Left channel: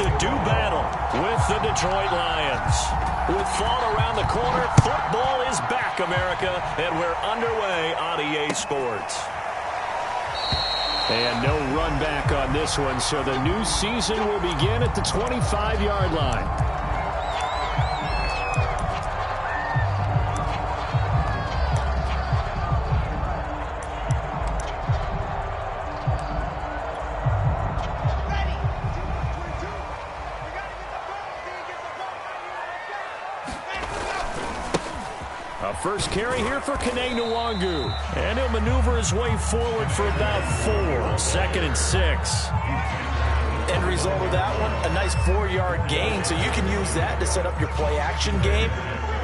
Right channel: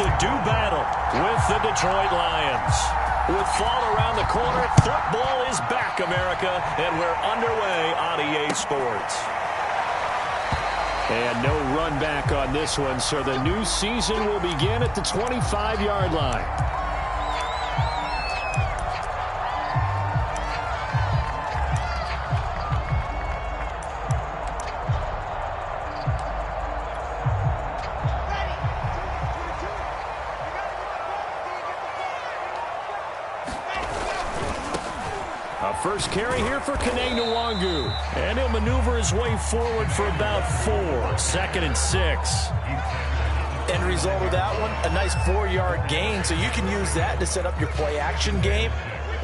to do battle with the Detroit Lions. With fall around the corner, football is back, America, and we're underway on EA Sports. And no run back on this one, so the new season will begin at the 25-yard line. First carry here for Kene and he'll maneuver his way forward for about 4. 2nd and 6. End result of that one, a nice 4-yard gain, so you can use that to set up your play-action game,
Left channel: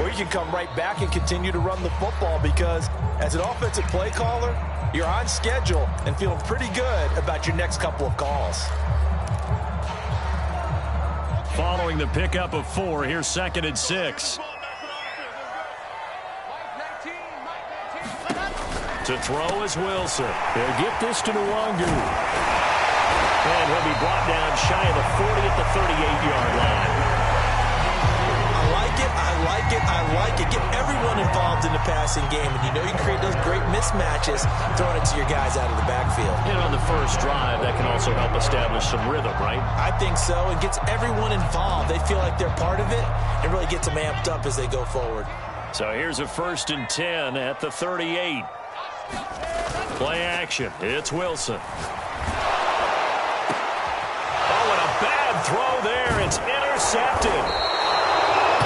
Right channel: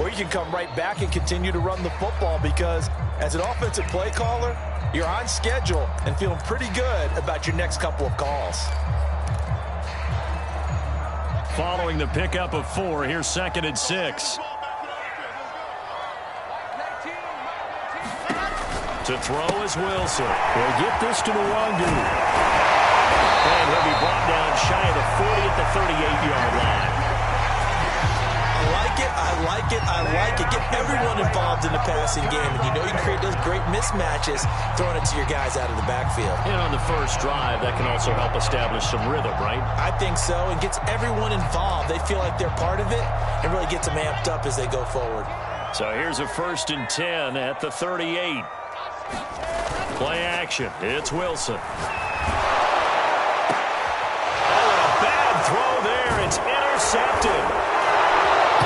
or you can come right back and continue to run the football because as an offensive play caller, you're on schedule and feeling pretty good about your next couple of calls. Following the pickup of 4, here's 2nd and 6. To throw is Wilson. He'll get this to Nwangu. And he'll be brought down shy of the 40 at the 38-yard line. I like it, I like it, I like it. Get everyone involved in the passing game. And you know you can create those great mismatches throwing it to your guys out of the backfield. And on the first drive, that can also help establish some rhythm, right? I think so, and gets everyone involved. They feel like they're part of it and really gets them amped up as they go forward. So here's a 1st and 10 at the 38. Play action. It's Wilson. Oh, and a bad throw there. It's intercepted.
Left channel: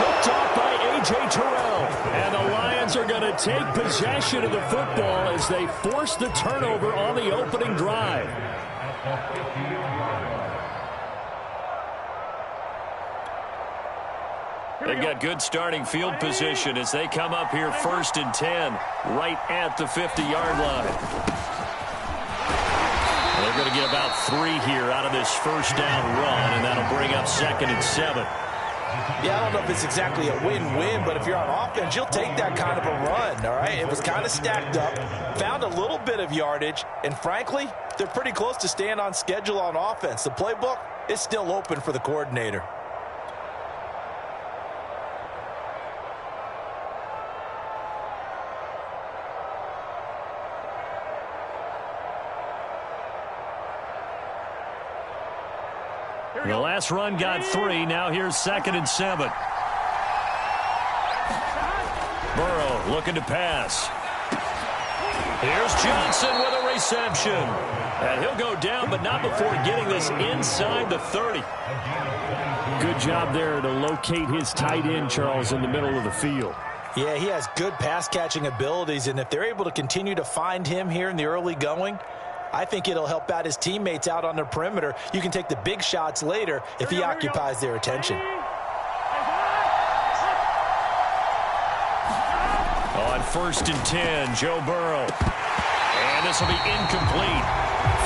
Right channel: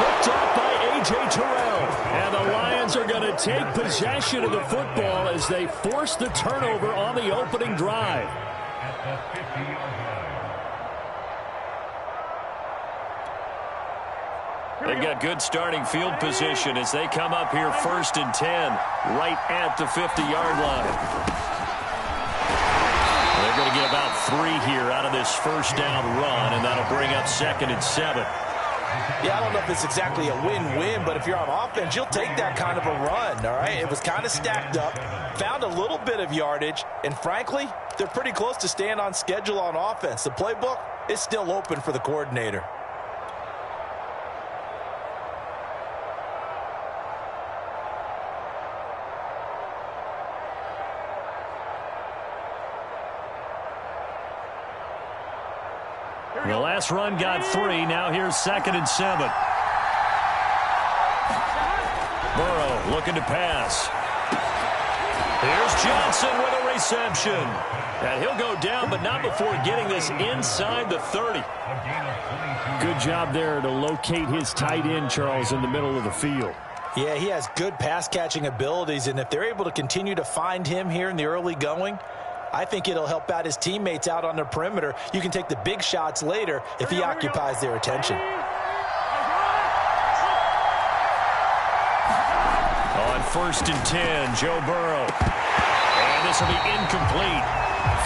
Picked off by A.J. Terrell. And the Lions are going to take possession of the football as they force the turnover on the opening drive. At the 50-yard line. They've got good starting field position as they come up here 1st and 10 right at the 50-yard line. They're going to get about 3 here out of this first down run, and that'll bring up 2nd and 7. Yeah, I don't know if it's exactly a win-win, but if you're on offense, you'll take that kind of a run, all right? It was kind of stacked up, found a little bit of yardage, and frankly, they're pretty close to staying on schedule on offense. The playbook is still open for the coordinator. The last run got 3. Now here's 2nd and 7. Burrow looking to pass. Here's Johnson with a reception. And he'll go down, but not before getting this inside the 30. Good job there to locate his tight end, Charles, in the middle of the field. Yeah, he has good pass-catching abilities, and if they're able to continue to find him here in the early going, I think it'll help out his teammates out on the perimeter. You can take the big shots later if he occupies their attention. On 1st and 10, Joe Burrow. And this will be incomplete.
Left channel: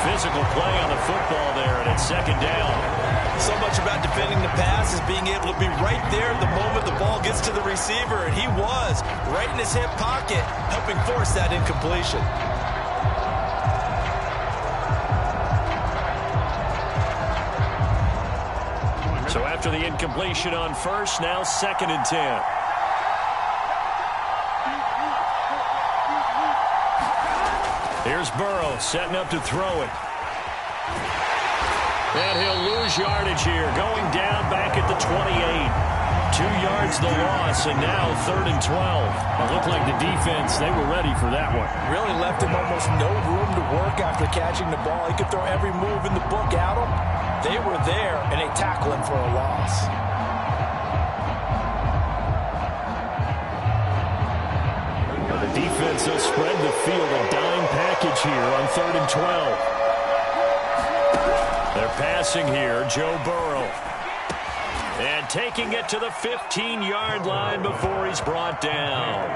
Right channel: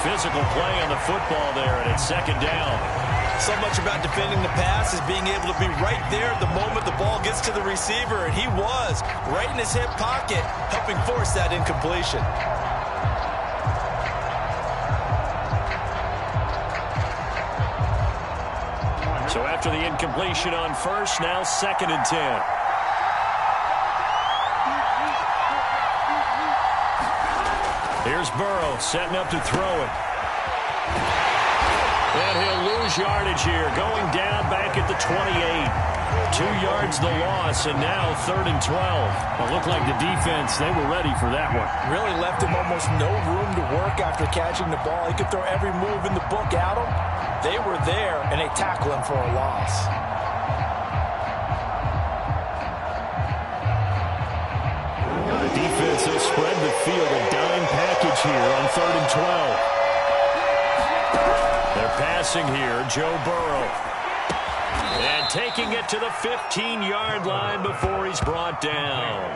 Physical play on the football there, and it's 2nd down. So much about defending the pass is being able to be right there the moment the ball gets to the receiver, and he was right in his hip pocket, helping force that incompletion. So after the incompletion on 1st, now 2nd and 10. Here's Burrow setting up to throw it. And he'll lose yardage here, going down back at the 28. 2 yards the loss, and now 3rd and 12. It looked like the defense, they were ready for that one. Really left him almost no room to work after catching the ball. He could throw every move in the book at him. They were there, and they tackle him for a loss. Well, the defense, they'll spread the field, a dime package here on 3rd and 12. They're passing here, Joe Burrow. And taking it to the 15-yard line before he's brought down.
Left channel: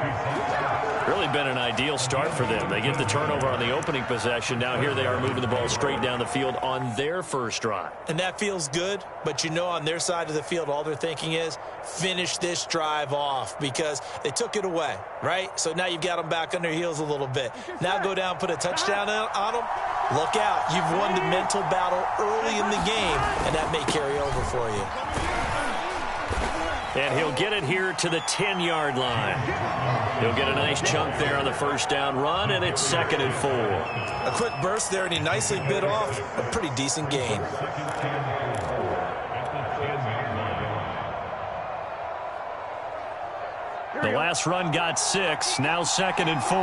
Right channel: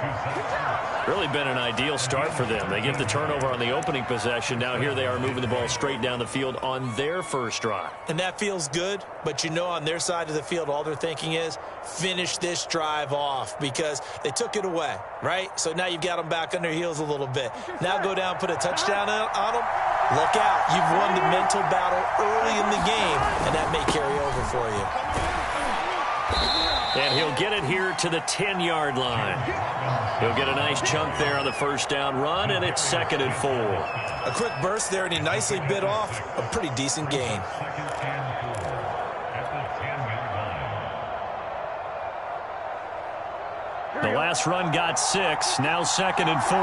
Really been an ideal start for them. They get the turnover on the opening possession. Now here they are moving the ball straight down the field on their first drive. And that feels good, but you know on their side of the field, all they're thinking is finish this drive off because they took it away, right? So now you've got them back on their heels a little bit. Now go down, put a touchdown on them. Look out. You've won the mental battle early in the game, and that may carry over for you. And he'll get it here to the 10-yard line. He'll get a nice chunk there on the first down run, and it's 2nd and 4. A quick burst there, and he nicely bit off a pretty decent gain. The last run got 6, now 2nd and 4.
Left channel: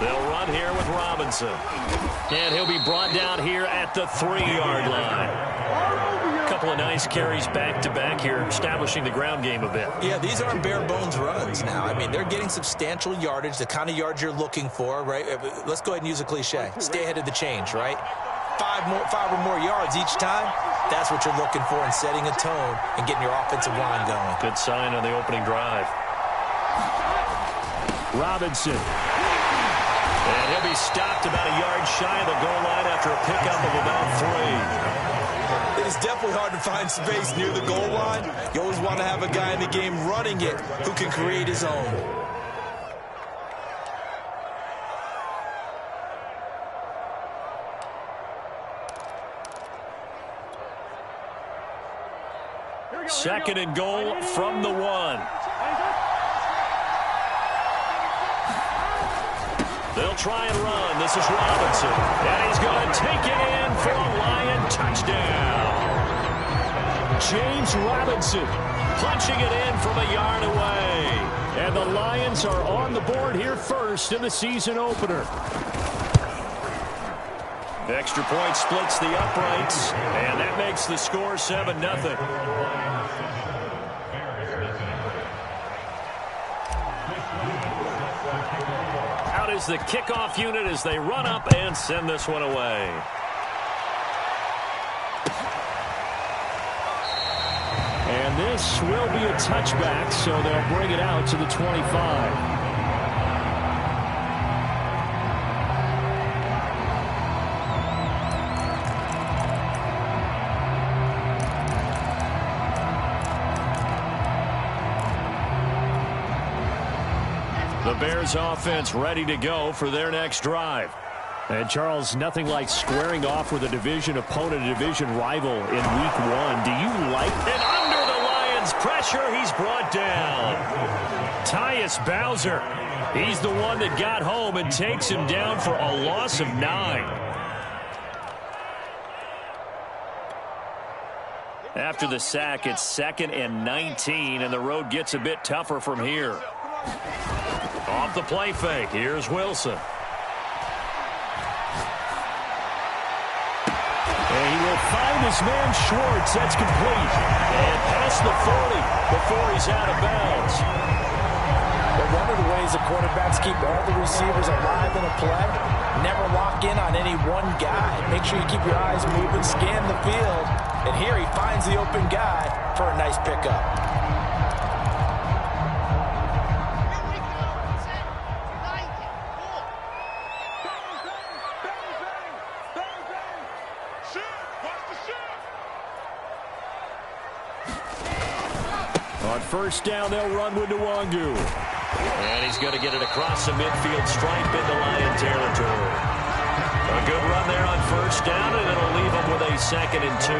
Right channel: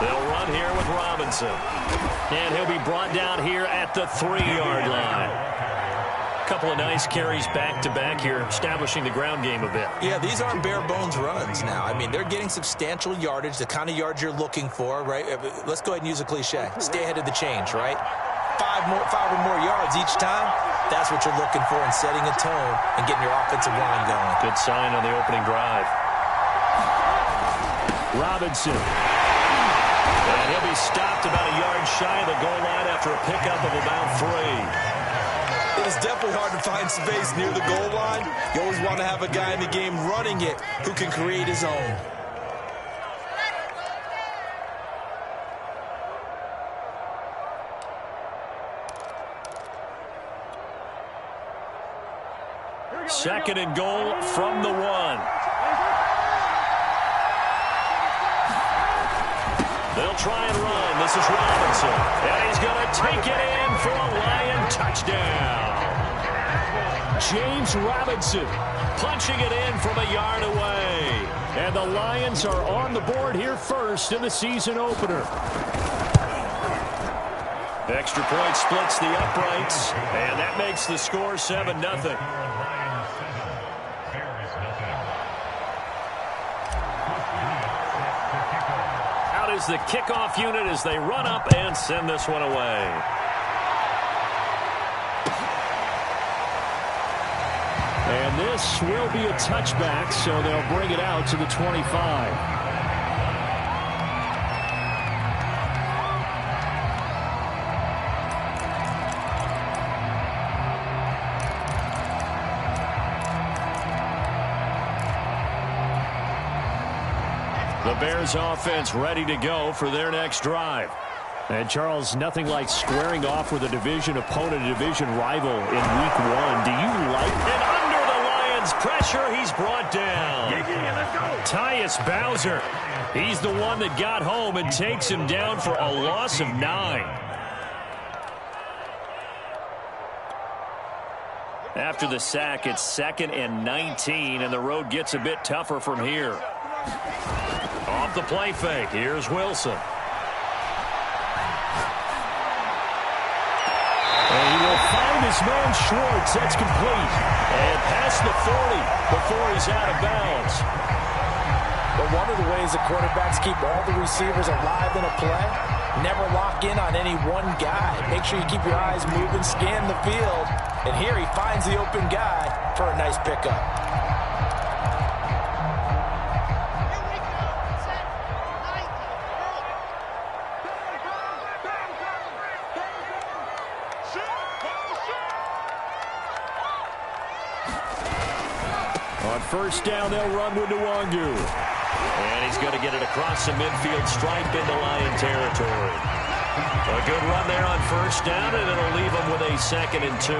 They'll run here with Robinson. And he'll be brought down here at the 3-yard line. A couple of nice carries back-to-back here, establishing the ground game a bit. Yeah, these aren't bare-bones runs now. I mean, they're getting substantial yardage, the kind of yards you're looking for, right? Let's go ahead and use a cliche. Stay ahead of the change, right? 5 or more yards each time. That's what you're looking for in setting a tone and getting your offensive line going. Good sign on the opening drive. Robinson. And he'll be stopped about a yard shy of the goal line after a pickup of about 3. It is definitely hard to find space near the goal line. You always want to have a guy in the game running it who can create his own. Second and goal from the 1. They'll try and run. This is Robinson. And he's going to take it in for a Lion touchdown. James Robinson punching it in from a yard away. And the Lions are on the board here first in the season opener. Extra point splits the uprights, and that makes the score 7-0. Out is the kickoff unit as they run up and send this one away. And this will be a touchback, so they'll bring it out to the 25. The Bears offense ready to go for their next drive. And, Charles, nothing like squaring off with a division opponent, a division rival in week 1. Do you like it? And under the Lions' pressure, he's brought down. Tyus Bowser. He's the one that got home and takes him down for a loss of 9. After the sack, it's 2nd and 19, and the road gets a bit tougher from here. Off the play fake, here's Wilson. And he will find his man Schwartz. That's complete. And past the 40 before he's out of bounds. But one of the ways the quarterbacks keep all the receivers alive in a play, never lock in on any one guy. Make sure you keep your eyes moving, scan the field. And here he finds the open guy for a nice pickup. On first down, they'll run with Nwangu. And he's going to get it across the midfield stripe into Lion territory. A good run there on first down, and it'll leave him with a 2nd and 2.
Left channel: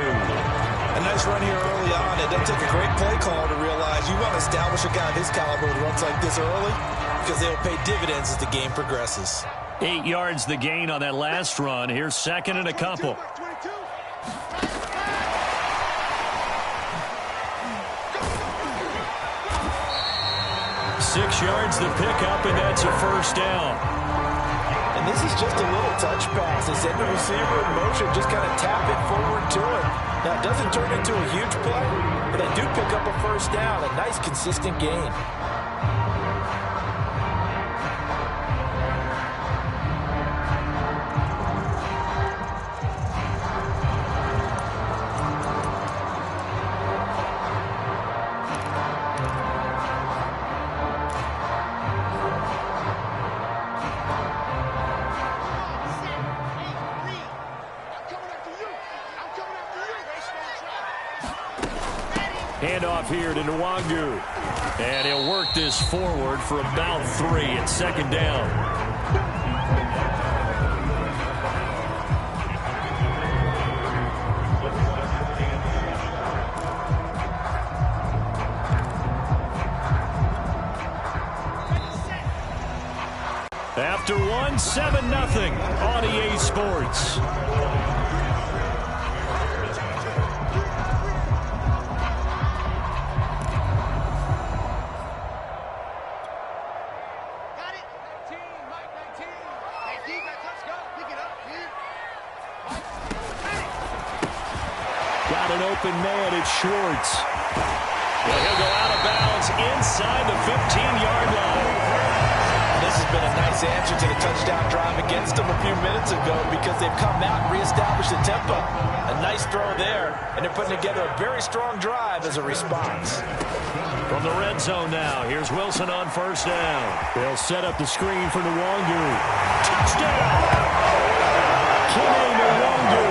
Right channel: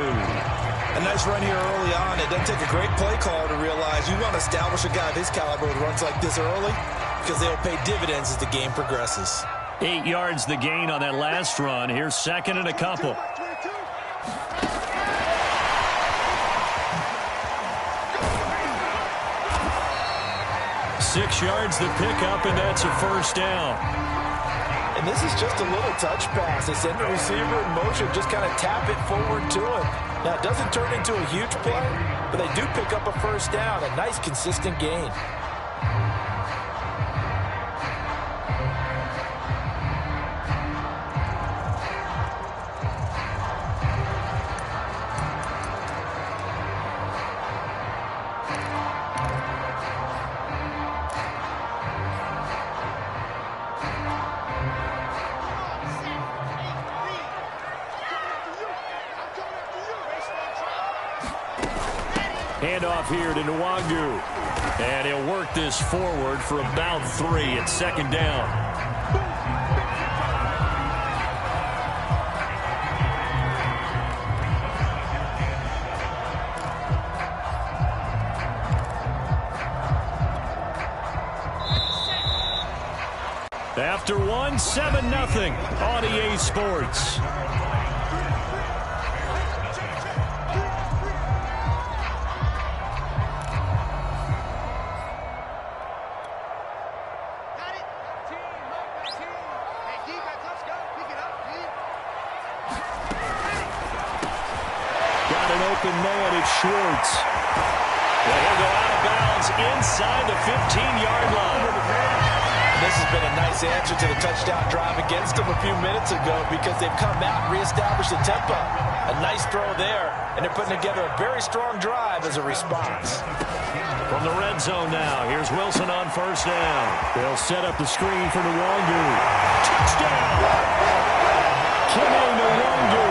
A nice run here early on. It doesn't take a great play caller to realize you want to establish a guy of his caliber with runs like this early because they'll pay dividends as the game progresses. 8 yards the gain on that last run. Here's 2nd and a couple. Six yards the pickup, and that's a first down. And this is just a little touch pass. They send the receiver in motion, just kind of tap it forward to him. Now, it doesn't turn into a huge play, but they do pick up a first down, a nice, consistent gain. Handoff here to Nwangu. And he'll work this forward for about 3 at second down. After 1, 7-0 on EA Sports. Got an open man, it's Schwartz. And he'll go out of bounds inside the 15-yard line. This has been a nice answer to the touchdown drive against them a few minutes ago because they've come out and reestablished the tempo. A nice throw there, and they're putting together a very strong drive as a response. From the red zone now, here's Wilson on first down. They'll set up the screen for Nwangu. Touchdown! Kene Nwangu.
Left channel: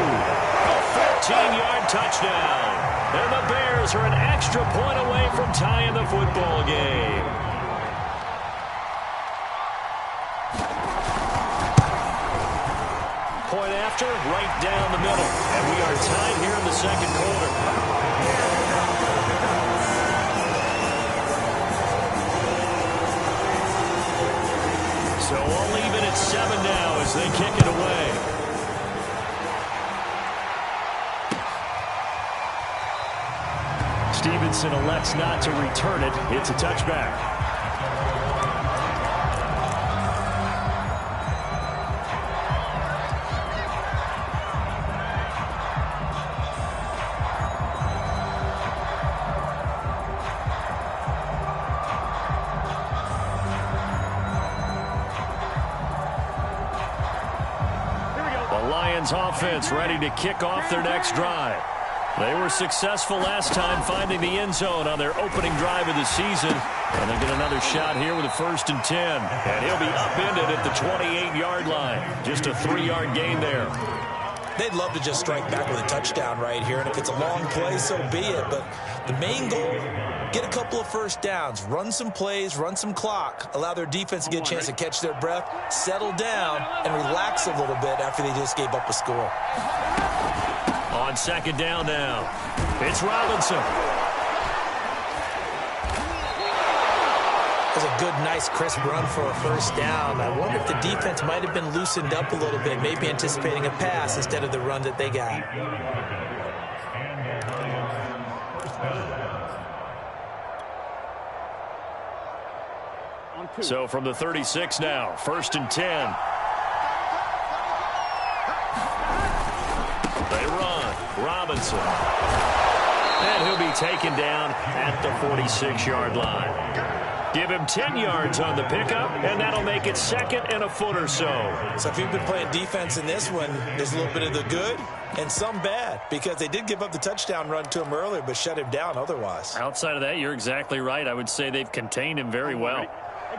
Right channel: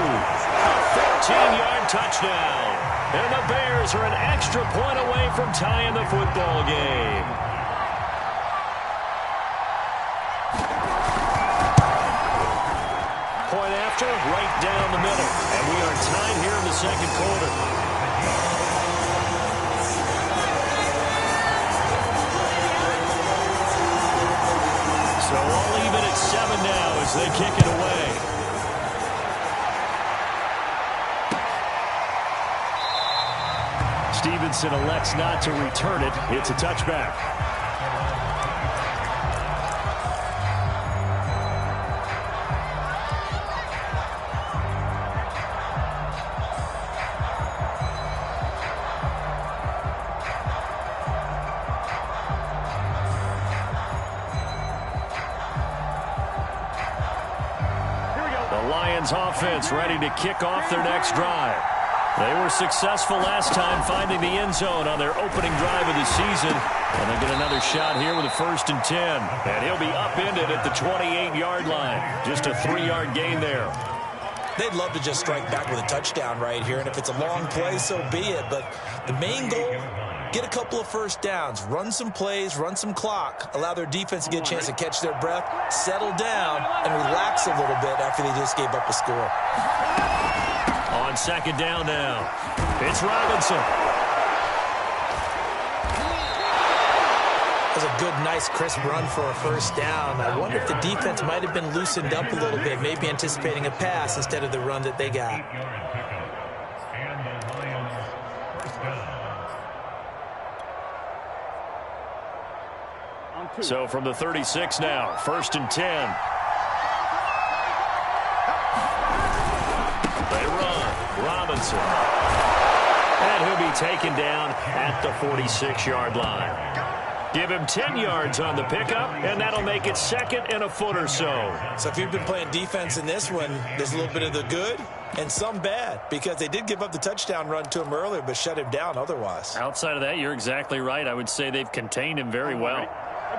A 14-yard touchdown. And the Bears are an extra point away from tying the football game. Point after, right down the middle. And we are tied here in the second quarter. So all even at 7 now as they kick it away. Stevenson elects not to return it. It's a touchback. The Lions offense ready to kick off their next drive. They were successful last time finding the end zone on their opening drive of the season. And they'll get another shot here with a 1st and 10. And he'll be upended at the 28-yard line. Just a 3-yard gain there. They'd love to just strike back with a touchdown right here. And if it's a long play, so be it. But the main goal, get a couple of first downs. Run some plays, run some clock. Allow their defense to get a chance to catch their breath, settle down, and relax a little bit after they just gave up a score. On second down now, it's Robinson. That was a good, nice, crisp run for a first down. I wonder if the defense might have been loosened up a little bit, maybe anticipating a pass instead of the run that they got. And the Lions first down. So from the 36 now, 1st and 10. They run. Robinson. And he'll be taken down at the 46-yard line. Give him 10 yards on the pickup, and that'll make it 2nd and a foot or so. So if you've been playing defense in this one, there's a little bit of the good and some bad, because they did give up the touchdown run to him earlier, but shut him down otherwise. Outside of that, you're exactly right. I would say they've contained him very well.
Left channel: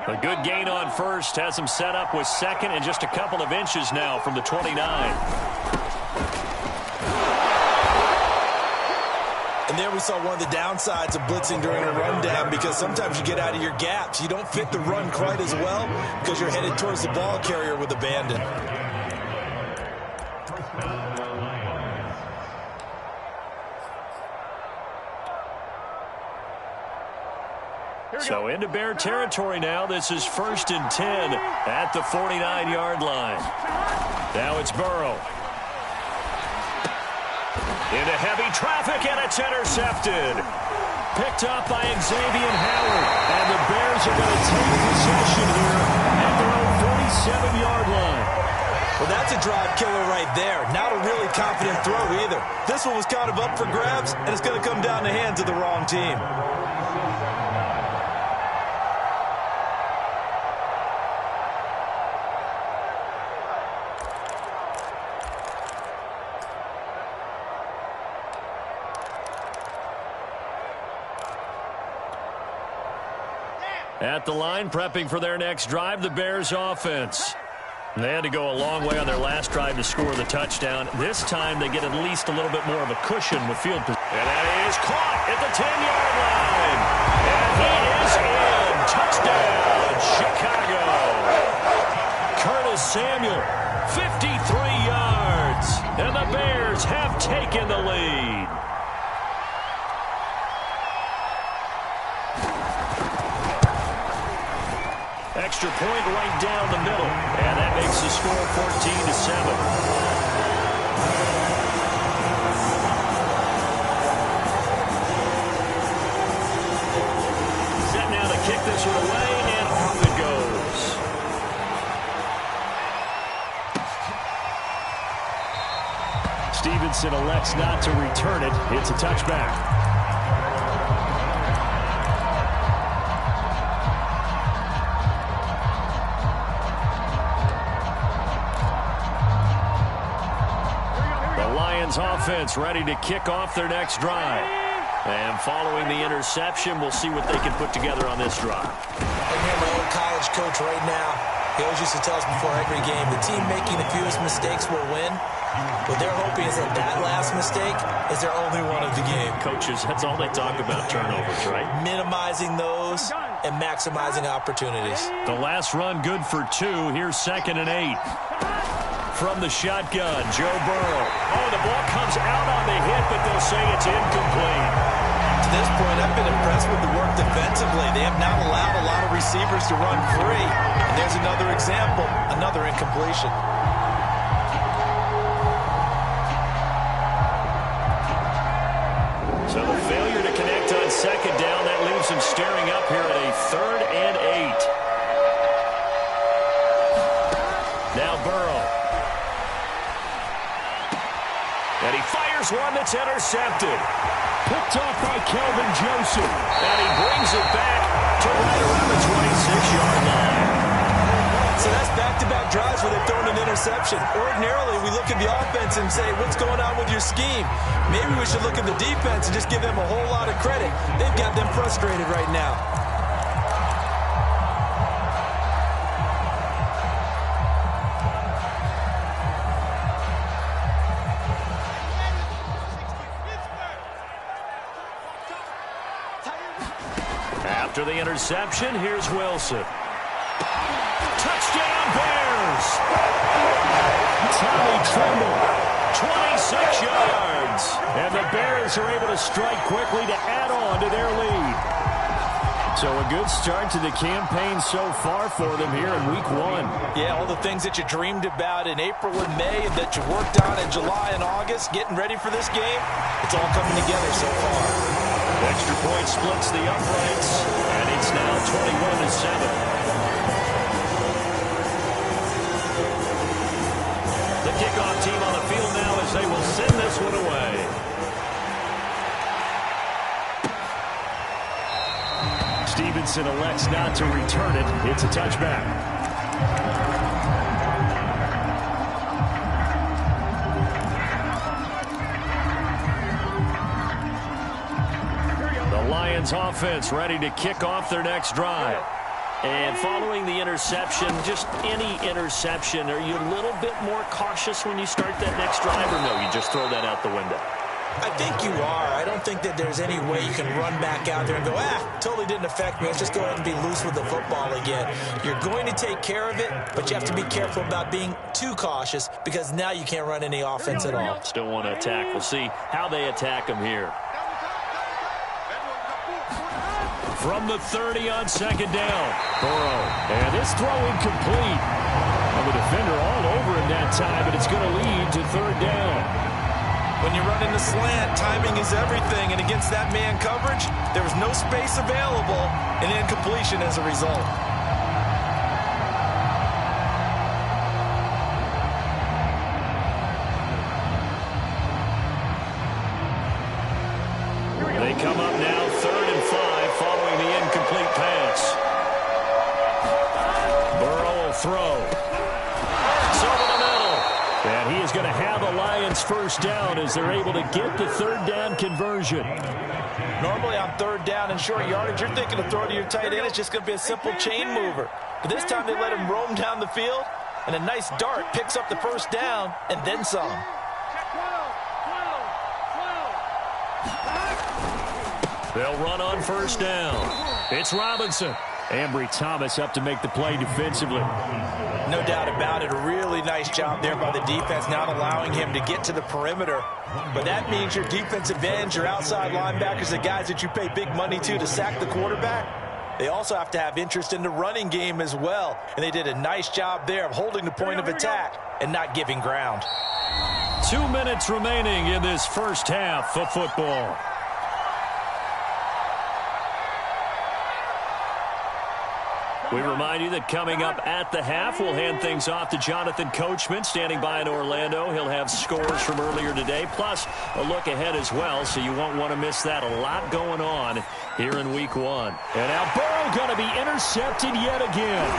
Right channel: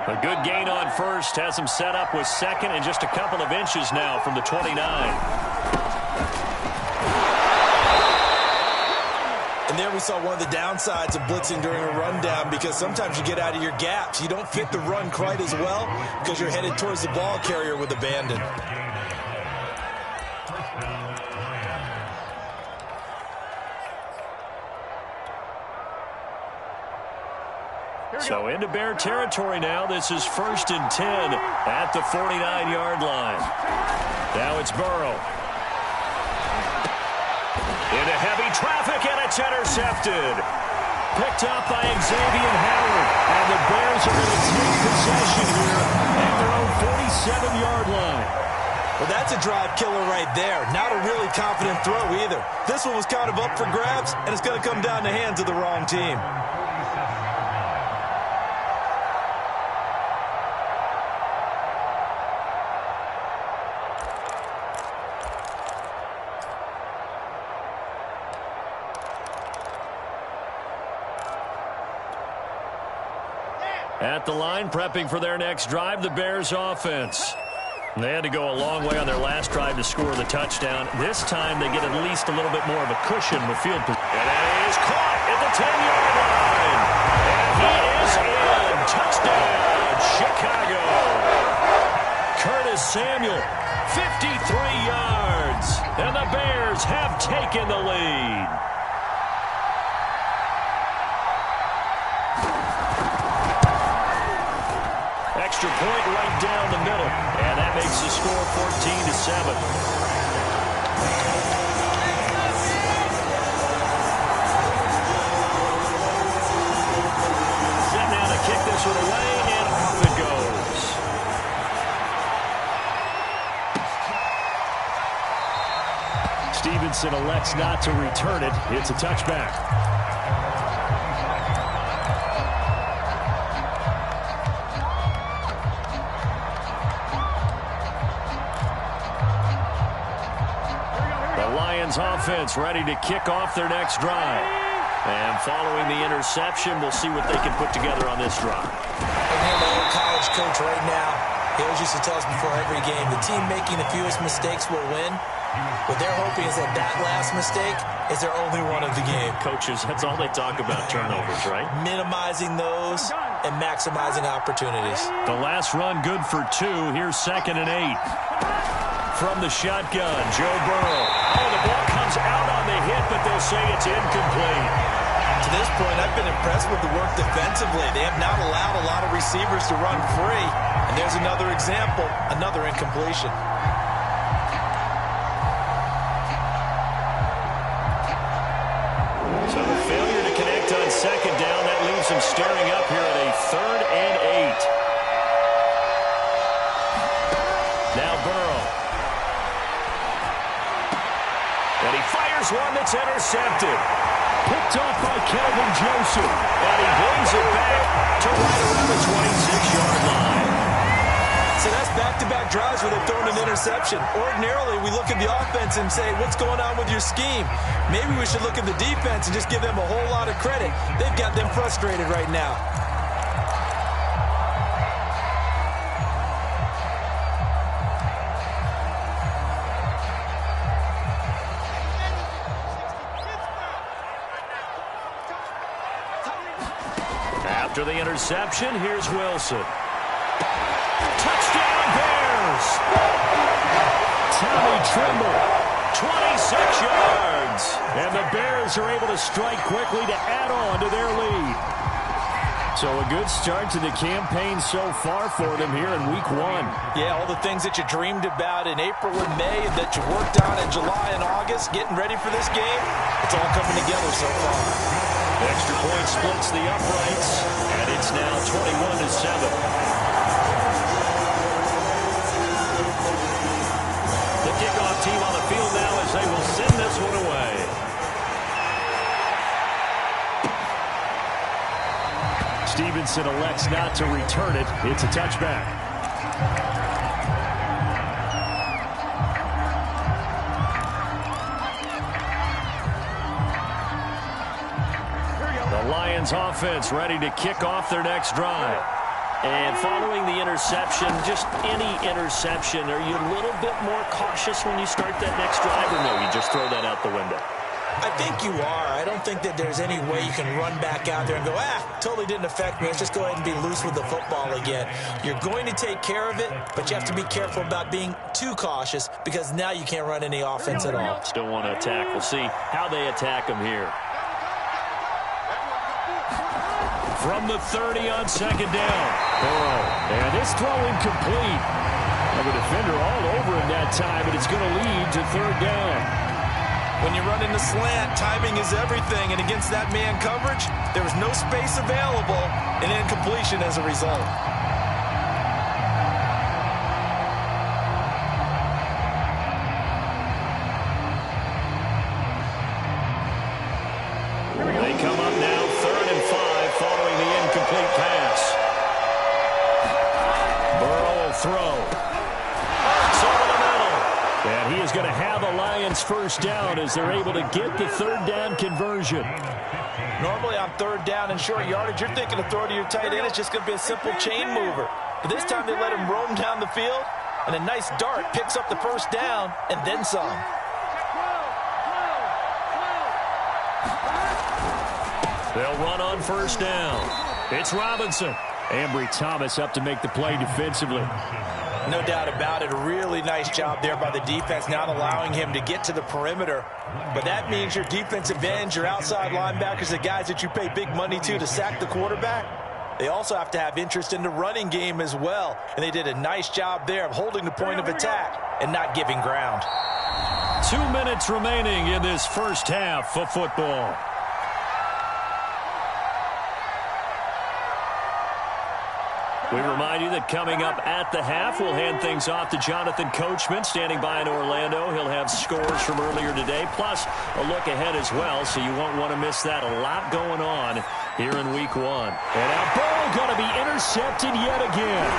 A good gain on first has him set up with 2nd and just a couple of inches now from the 29. And there we saw one of the downsides of blitzing during a rundown, because sometimes you get out of your gaps. You don't fit the run quite as well because you're headed towards the ball carrier with abandon. So into Bear territory now. This is 1st and 10 at the 49-yard line. Now it's Burrow. Into heavy traffic, and it's intercepted. Picked up by Xavier Howard. And the Bears are going to take possession here at their own 47-yard line. Well, that's a drive killer right there. Not a really confident throw either. This one was kind of up for grabs, and it's going to come down the hands of the wrong team. At the line, prepping for their next drive, the Bears offense. They had to go a long way on their last drive to score the touchdown. This time they get at least a little bit more of a cushion with field position. And that is caught at the 10-yard line. And he is in. Touchdown, Chicago. Curtis Samuel, 53 yards. And the Bears have taken the lead. Extra point right down the middle. And that makes the score 14-7. Set now to kick this one away, and off it goes. Stevenson elects not to return it. It's a touchback. Offense ready to kick off their next drive. And following the interception, we'll see what they can put together on this drive. I hear my old college coach right now. He always used to tell us before every game, the team making the fewest mistakes will win. What they're hoping is that that last mistake is their only one of the game. Coaches, that's all they talk about, turnovers, right? Minimizing those and maximizing opportunities. The last run good for 2. Here's 2nd and 8. From the shotgun, Joe Burrow. Oh, the ball comes out on the hit, but they'll say it's incomplete. To this point, I've been impressed with the work defensively. They have not allowed a lot of receivers to run free. And there's another example, another incompletion. So the failure to connect on 2nd down, that leaves them staring up here at a 3rd and 8. Now Burrow. And he fires one that's intercepted. Picked off by Kelvin Joseph. And he brings it back to right around the 26-yard line. So that's back-to-back drives where they've thrown an interception. Ordinarily, we look at the offense and say, what's going on with your scheme? Maybe we should look at the defense and just give them a whole lot of credit. They've got them frustrated right now. After the interception, here's Wilson. Touchdown, Bears! Tommy Tremble. 26 yards. And the Bears are able to strike quickly to add on to their lead. So a good start to the campaign so far for them here in week 1. Yeah, all the things that you dreamed about in April and May and that you worked on in July and August, getting ready for this game, it's all coming together so far. Extra point splits the uprights, and it's now 21-7. The kickoff team on the field now as they will send this one away. Stevenson elects not to return it. It's a touchback. The Lions offense ready to kick off their next drive. And following the interception, just any interception, are you a little bit more cautious when you start that next drive, or no, you just throw that out the window? I think you are. I don't think that there's any way you can run back out there and go, totally didn't affect me. Let's just go ahead and be loose with the football again. You're going to take care of it, but you have to be careful about being too cautious because now you can't run any offense at all. Still want to attack. We'll see how they attack them here. From the 30 on 2nd down. Burrow. And this throw incomplete. Well, the defender all over him that time, but it's going to lead to 3rd down. When you run in the slant, timing is everything, and against that man coverage, there was no space available, and incompletion as a result. They come up now 3rd and 5 following the incomplete pass. Burrow will throw. Hurts over the middle. And he is going to have a Lions 1st down as they're able to get the 3rd down conversion. Normally on 3rd down and short yardage, you're thinking of throw to your tight end. It's just going to be a simple chain mover. But this time they let him roam down the field, And a nice dart picks up the first down and then some. They'll run on first down. It's Robinson. Ambry Thomas up to make the play defensively. No doubt about it. A really nice job there by the defense, not allowing him to get to the perimeter. But that means your defensive ends, your outside linebackers, the guys that you pay big money to sack the quarterback, they also have to have interest in the running game as well. And they did a nice job there of holding the point of attack and not giving ground. 2 minutes remaining in this first half of football. We remind you that coming up at the half, we'll hand things off to Jonathan Coachman, standing by in Orlando. He'll have scores from earlier today, plus a look ahead as well, so you won't want to miss that. A lot going on here in Week 1. And now Burrow going to be intercepted yet again.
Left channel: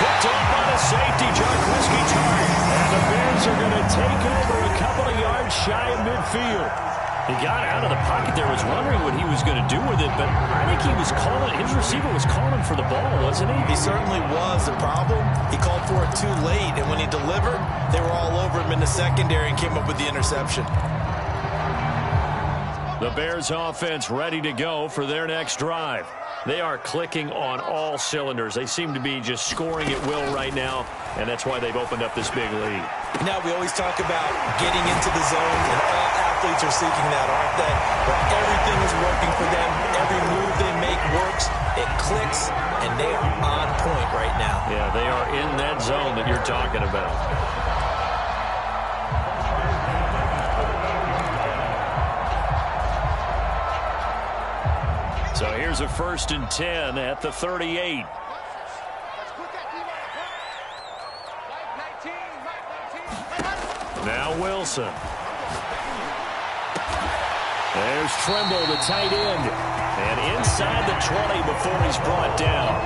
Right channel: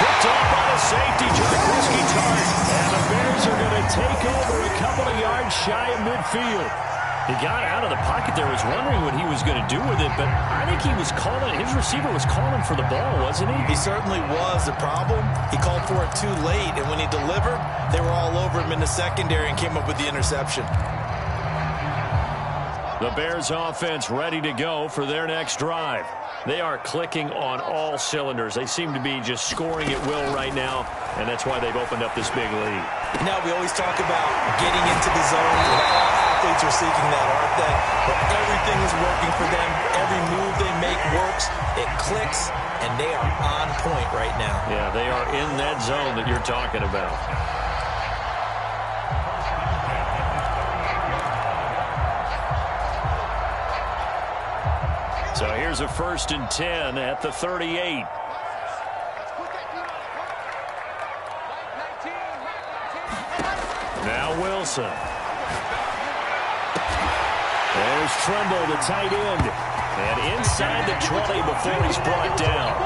Picked off by the safety, Jarquiski Tart. And the Bears are going to take over a couple of yards shy of midfield. He got out of the pocket there, was wondering what he was going to do with it, but I think he was calling, his receiver was calling for the ball, wasn't he? He certainly was. The problem, he called for it too late, and when he delivered, they were all over him in the secondary and came up with the interception. The Bears offense ready to go for their next drive. They are clicking on all cylinders. They seem to be just scoring at will right now, and that's why they've opened up this big lead. Now, we always talk about getting into the zone, and all athletes are seeking that, aren't they? But everything is working for them. Every move they make works. It clicks, and they are on point right now. Yeah, they are in that zone that you're talking about. So here's a 1st and 10 at the 38. Now Wilson. There's Tremble, the tight end. And inside the 20 before he's brought down.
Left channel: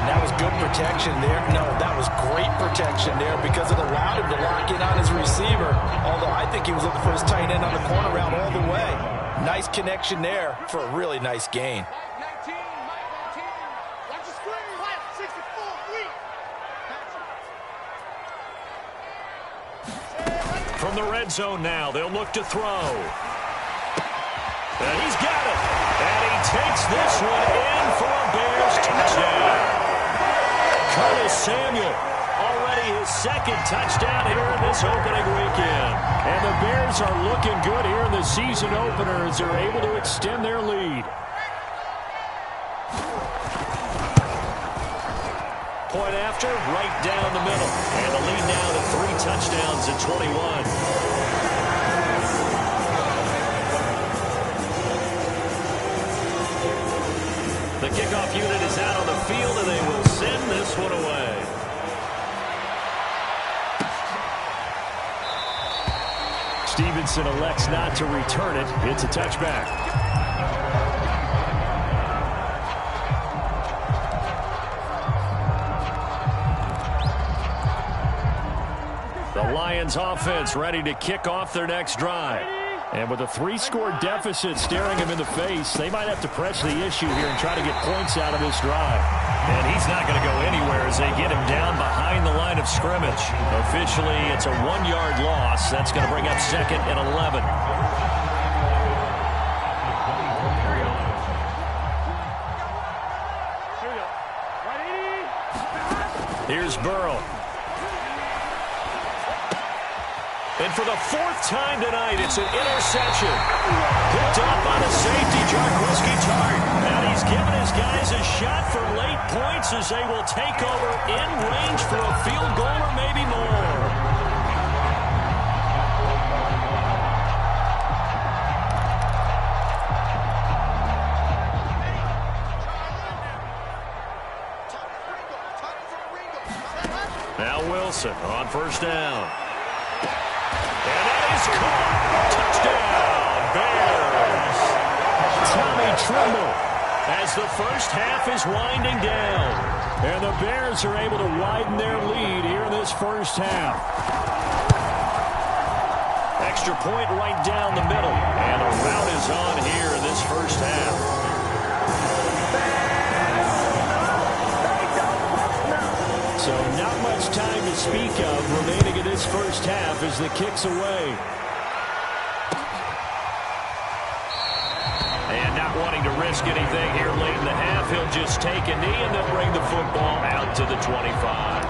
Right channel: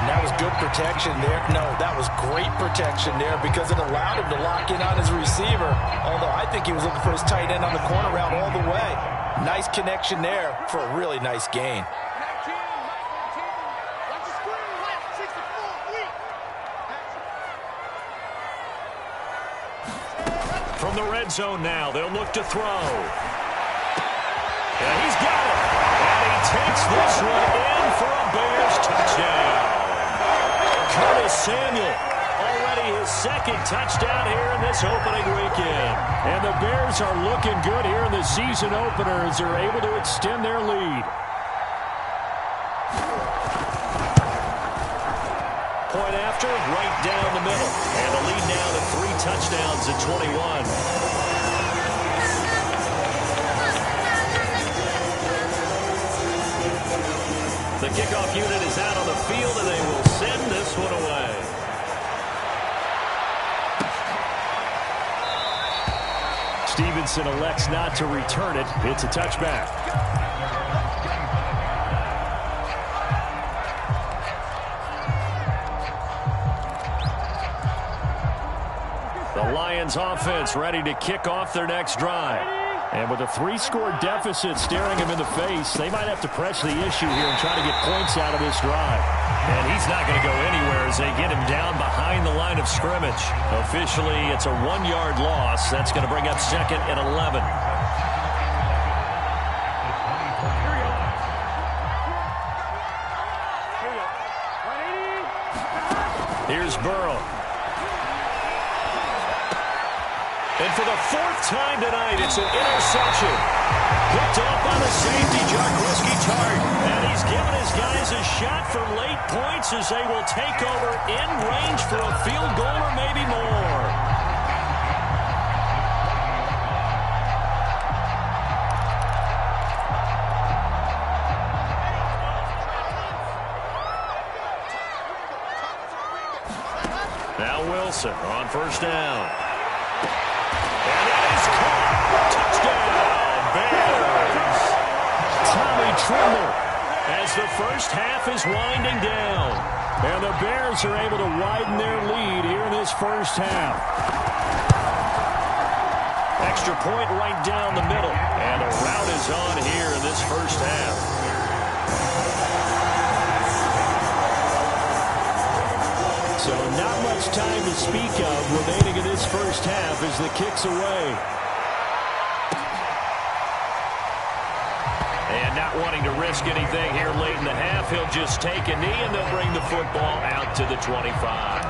And that was good protection there. No, that was great protection there because it allowed him to lock in on his receiver. Although I think he was looking for his tight end on the corner route all the way. Nice connection there for a really nice gain. From the red zone now, they'll look to throw. And he's got it. And he takes this one in for a Bears touchdown. Curtis Samuel, already his 2nd touchdown here in this opening weekend. And the Bears are looking good here in the season opener as they're able to extend their lead. Point after, right down the middle. And the lead now to 3 touchdowns at 21. The kickoff unit is out on the field, and they will send this one away. Stevenson elects not to return it. It's a touchback. The Lions offense ready to kick off their next drive. And with a 3-score deficit staring him in the face, they might have to press the issue here and try to get points out of this drive. And he's not going to go anywhere as they get him down behind the line of scrimmage. Officially, it's a 1-yard loss. That's going to bring up 2nd and 11. Here's Burrow. And for the 4th time tonight, it's an interception. Picked off by the safety, Jarquiski Tart. And he's given his guys a shot for late points as they will take over in range for a field goal or maybe more. Now Wilson on 1st down. And that is caught. Touchdown, Bears. Tommy Tremble. As the first half is winding down. And the Bears are able to widen their lead here in this first half. Extra point right down the middle. And the route is on here in this first half. So not much time to speak of remaining in this first half as the kick's away. And not wanting to risk anything here late in the half, he'll just take a knee and they'll bring the football out to the 25.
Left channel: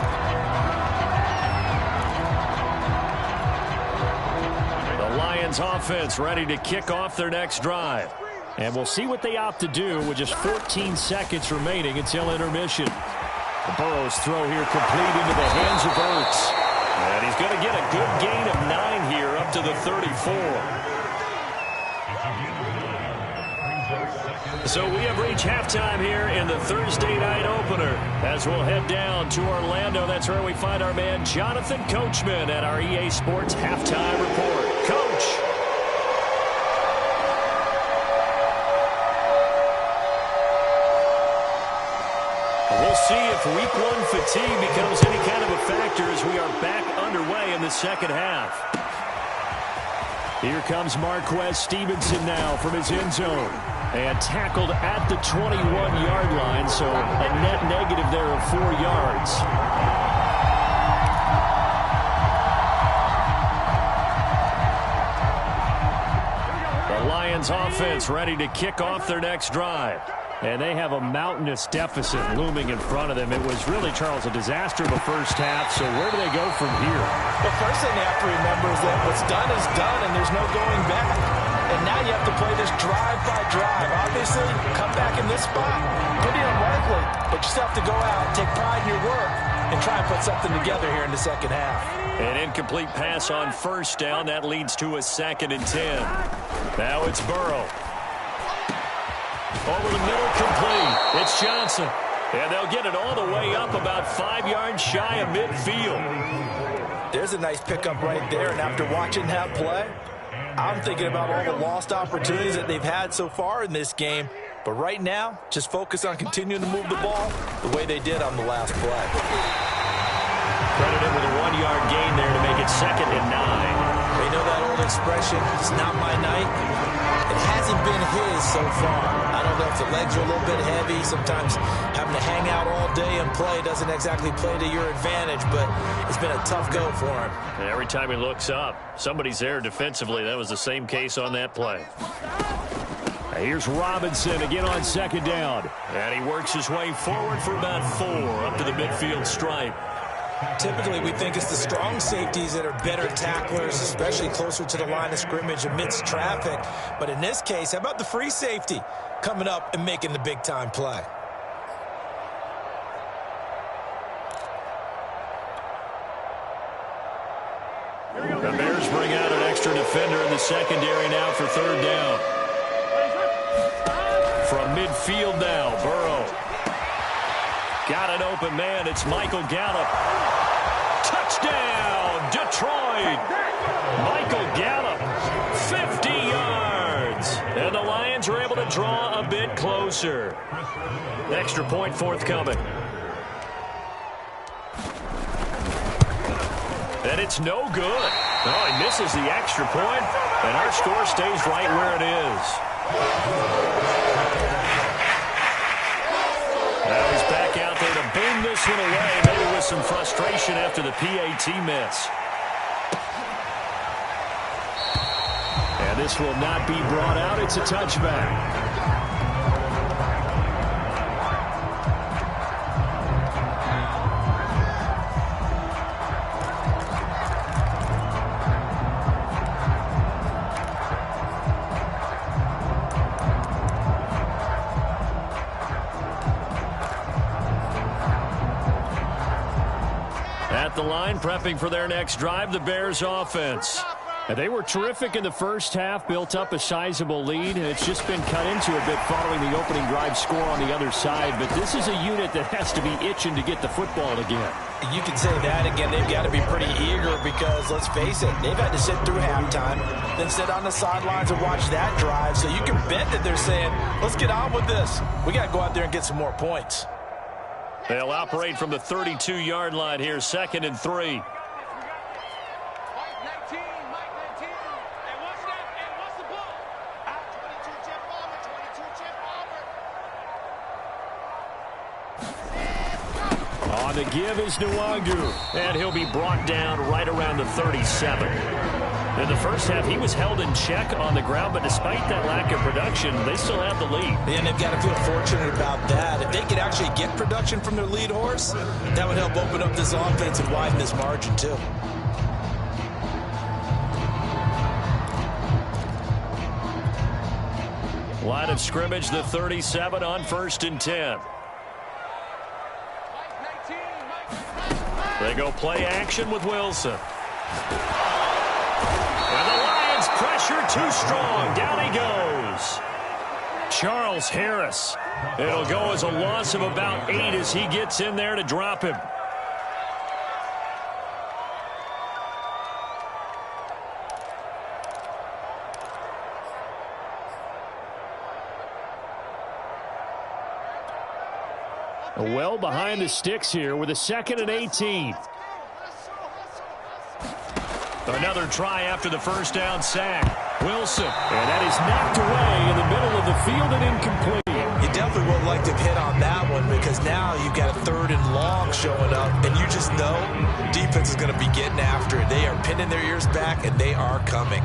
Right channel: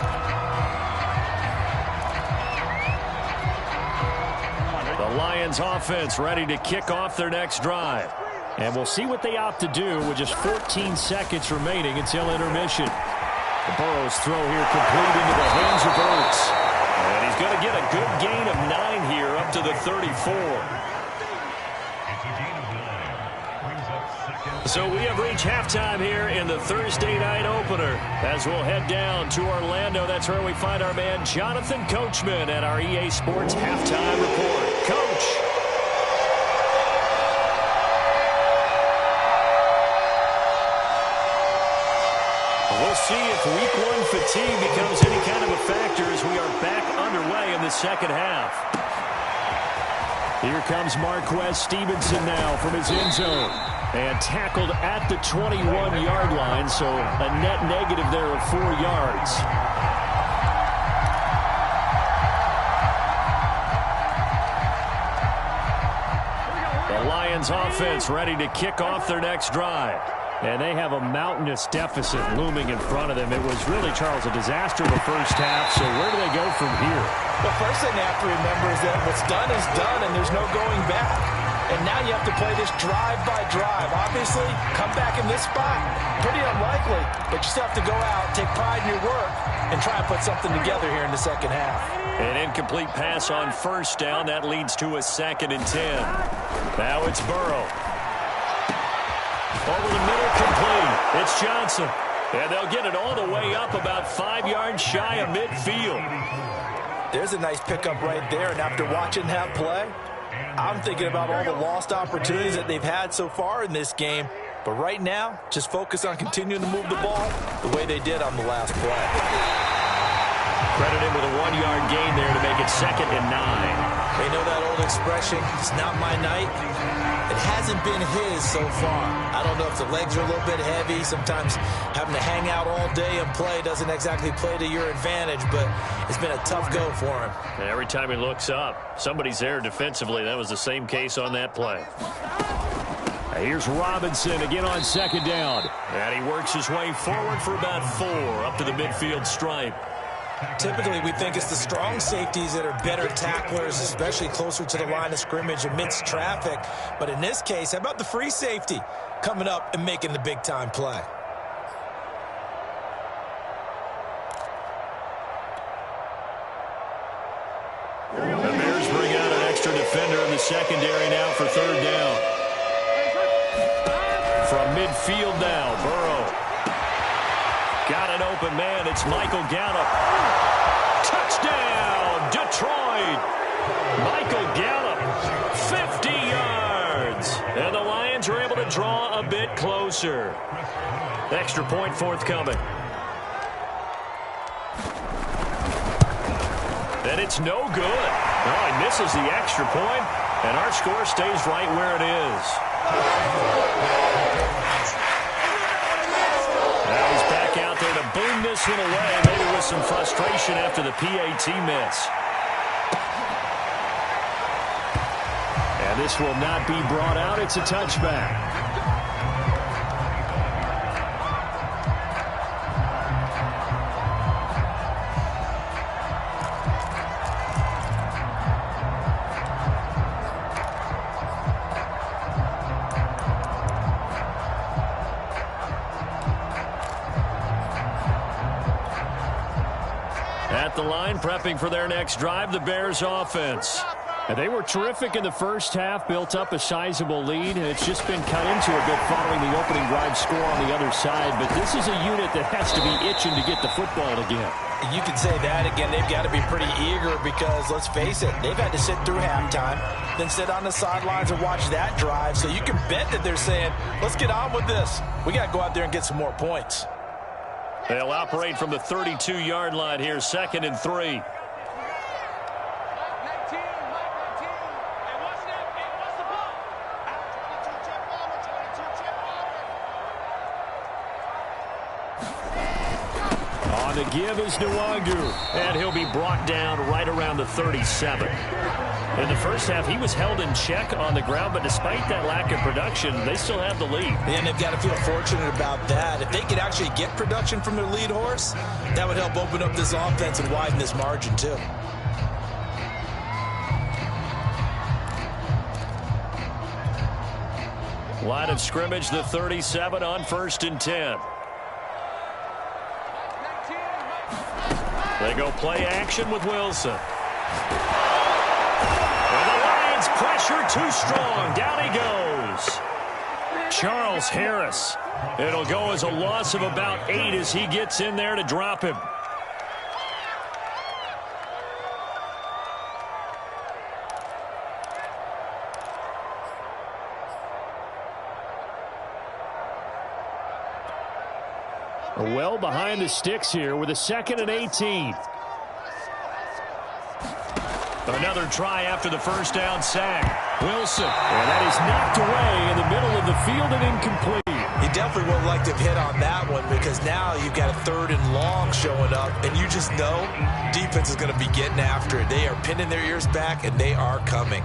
The Lions offense ready to kick off their next drive. And we'll see what they opt to do with just 14 seconds remaining until intermission. The Burrow's throw here complete into the hands of Ertz. And he's going to get a good gain of 9 here up to the 34. So we have reached halftime here in the Thursday night opener. As we'll head down to Orlando, that's where we find our man Jonathan Coachman at our EA Sports Halftime Report. Coach. We'll see if week 1 fatigue becomes any kind of a factor as we are back underway in the second half. Here comes Marquez Stevenson now from his end zone. And tackled at the 21-yard line, so a net negative there of 4 yards. The Lions offense ready to kick off their next drive. And they have a mountainous deficit looming in front of them. It was really, Charles, a disaster of a first half, so where do they go from here? Well, first thing they have to remember is that what's done is done, and there's no going back. And now you have to play this drive by drive. Obviously, come back in this spot, pretty unlikely. But you still have to go out, take pride in your work, and try and put something together here in the second half. An incomplete pass on first down. That leads to a 2nd and 10. Now it's Burrow. Over the middle, complete. It's Johnson. And they'll get it all the way up about 5 yards shy of midfield. There's a nice pickup right there. And after watching that play, I'm thinking about all the lost opportunities that they've had so far in this game. But right now, just focus on continuing to move the ball the way they did on the last play. Credit him with a 1-yard gain there to make it 2nd and 9. They know that old expression, it's not my night. It hasn't been his so far. I don't know if the legs are a little bit heavy. Sometimes having to hang out all day and play doesn't exactly play to your advantage, but it's been a tough go for him. And every time he looks up, somebody's there defensively. That was the same case on that play. Here's Robinson again on 2nd down. And he works his way forward for about 4 up to the midfield stripe. Typically, we think it's the strong safeties that are better tacklers, especially closer to the line of scrimmage amidst traffic. But in this case, how about the free safety coming up and making the big-time play? The Bears bring out an extra defender in the secondary now for 3rd down. From midfield now, Burrow. Got an open man. It's Michael Gallup. Touchdown, Detroit. Michael Gallup, 50 yards. And the Lions are able to draw a bit closer. Extra point forthcoming. And it's no good. Oh, he misses the extra point, and our score stays right where it is. Now he's back out there to boom this one away, maybe with some frustration after the PAT miss. And this will not be brought out. It's a touchback. At the line, prepping for their next drive, the Bears offense. And they were terrific in the first half, built up a sizable lead, and it's just been cut into a bit following the opening drive score on the other side. But this is a unit that has to be itching to get the football again. You can say that again. They've got to be pretty eager because, let's face it, they've had to sit through halftime, then sit on the sidelines and watch that drive. So you can bet that they're saying, let's get on with this. We got to go out there and get some more points. They'll operate from the 32-yard line here, 2nd and 3. On the give is Nwangu. And he'll be brought down right around the 37. In the first half, he was held in check on the ground, but despite that lack of production, they still have the lead. And they've got to feel fortunate about that. If they could actually get production from their lead horse, that would help open up this offense and widen this margin, too. Line of scrimmage, the 37 on 1st and 10. They go play action with Wilson. And the Lions pressure too strong. Down he goes. Charles Harris. It'll go as a loss of about 8 as he gets in there to drop him. Well behind the sticks here with a 2nd and 18. Another try after the first down sack. Wilson. And that is knocked away in the middle of the field and incomplete. You definitely would like to have hit on that one because now you've got a 3rd and long showing up, and you just know defense is going to be getting after it. They are pinning their ears back, and they are coming.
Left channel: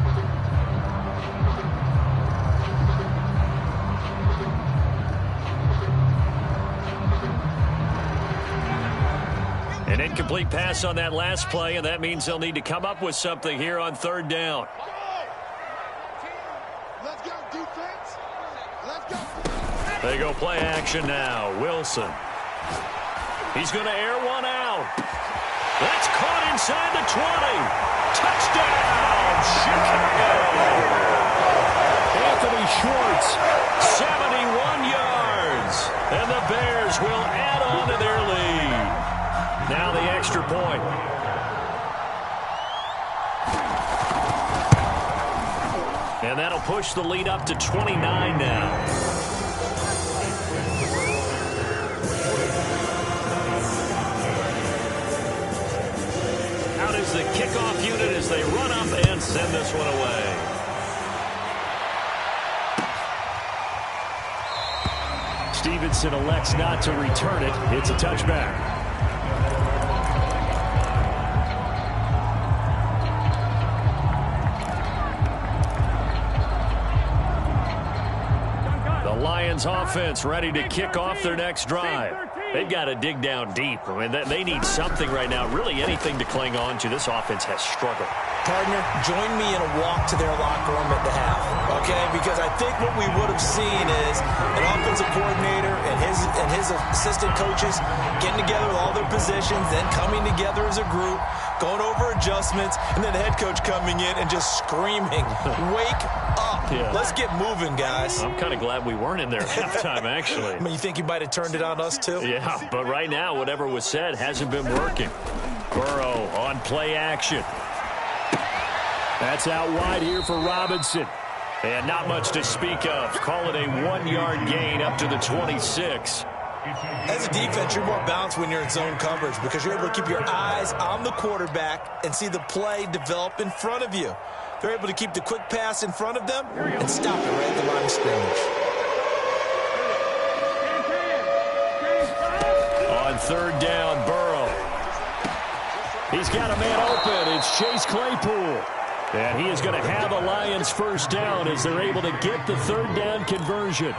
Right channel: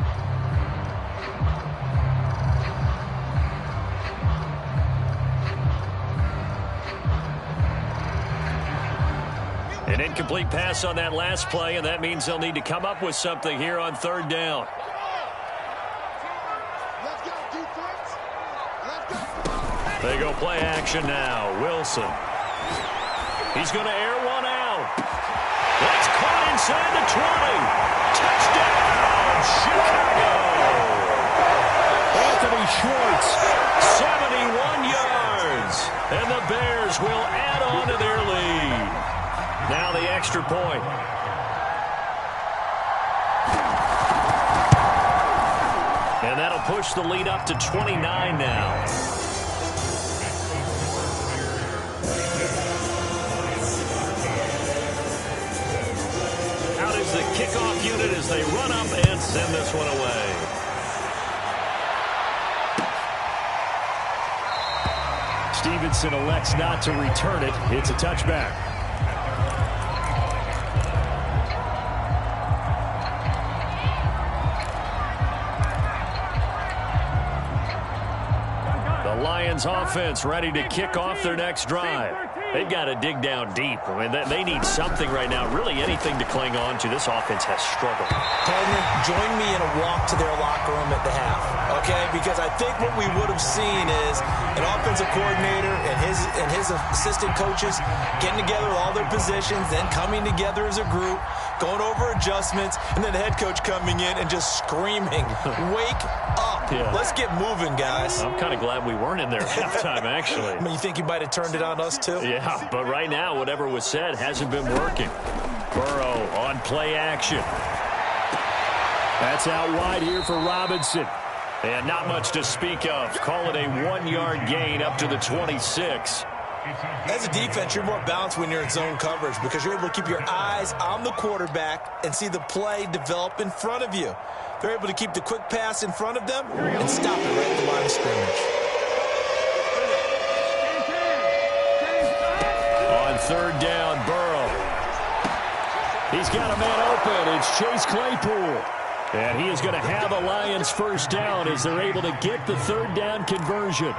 An incomplete pass on that last play, and that means they'll need to come up with something here on 3rd down. Let's go, defense. Let's go. They go play action now. Wilson. He's going to air one out. That's caught inside the 20. Touchdown, Chicago. Anthony Schwartz. 71 yards. And the Bears will add on to their lead. Now the extra point. And that'll push the lead up to 29 now. Out is the kickoff unit as they run up and send this one away. Stevenson elects not to return it. It's a touchback. Lions offense ready to kick off their next drive. They've got to dig down deep. I mean, they need something right now, really anything to cling on to. This offense has struggled. Partner, join me in a walk to their locker room at the half, okay? Because I think what we would have seen is an offensive coordinator and his assistant coaches getting together with all their positions, then coming together as a group, going over adjustments, and then the head coach coming in and just screaming, wake up. Yeah. Let's get moving, guys. I'm kind of glad we weren't in there at halftime, actually. I mean, you think he might have turned it on us, too? Yeah, but right now, whatever was said hasn't been working. Burrow on play action. That's out wide here for Robinson. And not much to speak of. Call it a 1-yard gain up to the 26. As a defense, you're more balanced when you're in zone coverage because you're able to keep your eyes on the quarterback and see the play develop in front of you. They're able to keep the quick pass in front of them and stop it right at the line of scrimmage. On 3rd down, Burrow. He's got a man open. It's Chase Claypool. And he is going to have a Lions first down as they're able to get the 3rd down conversion.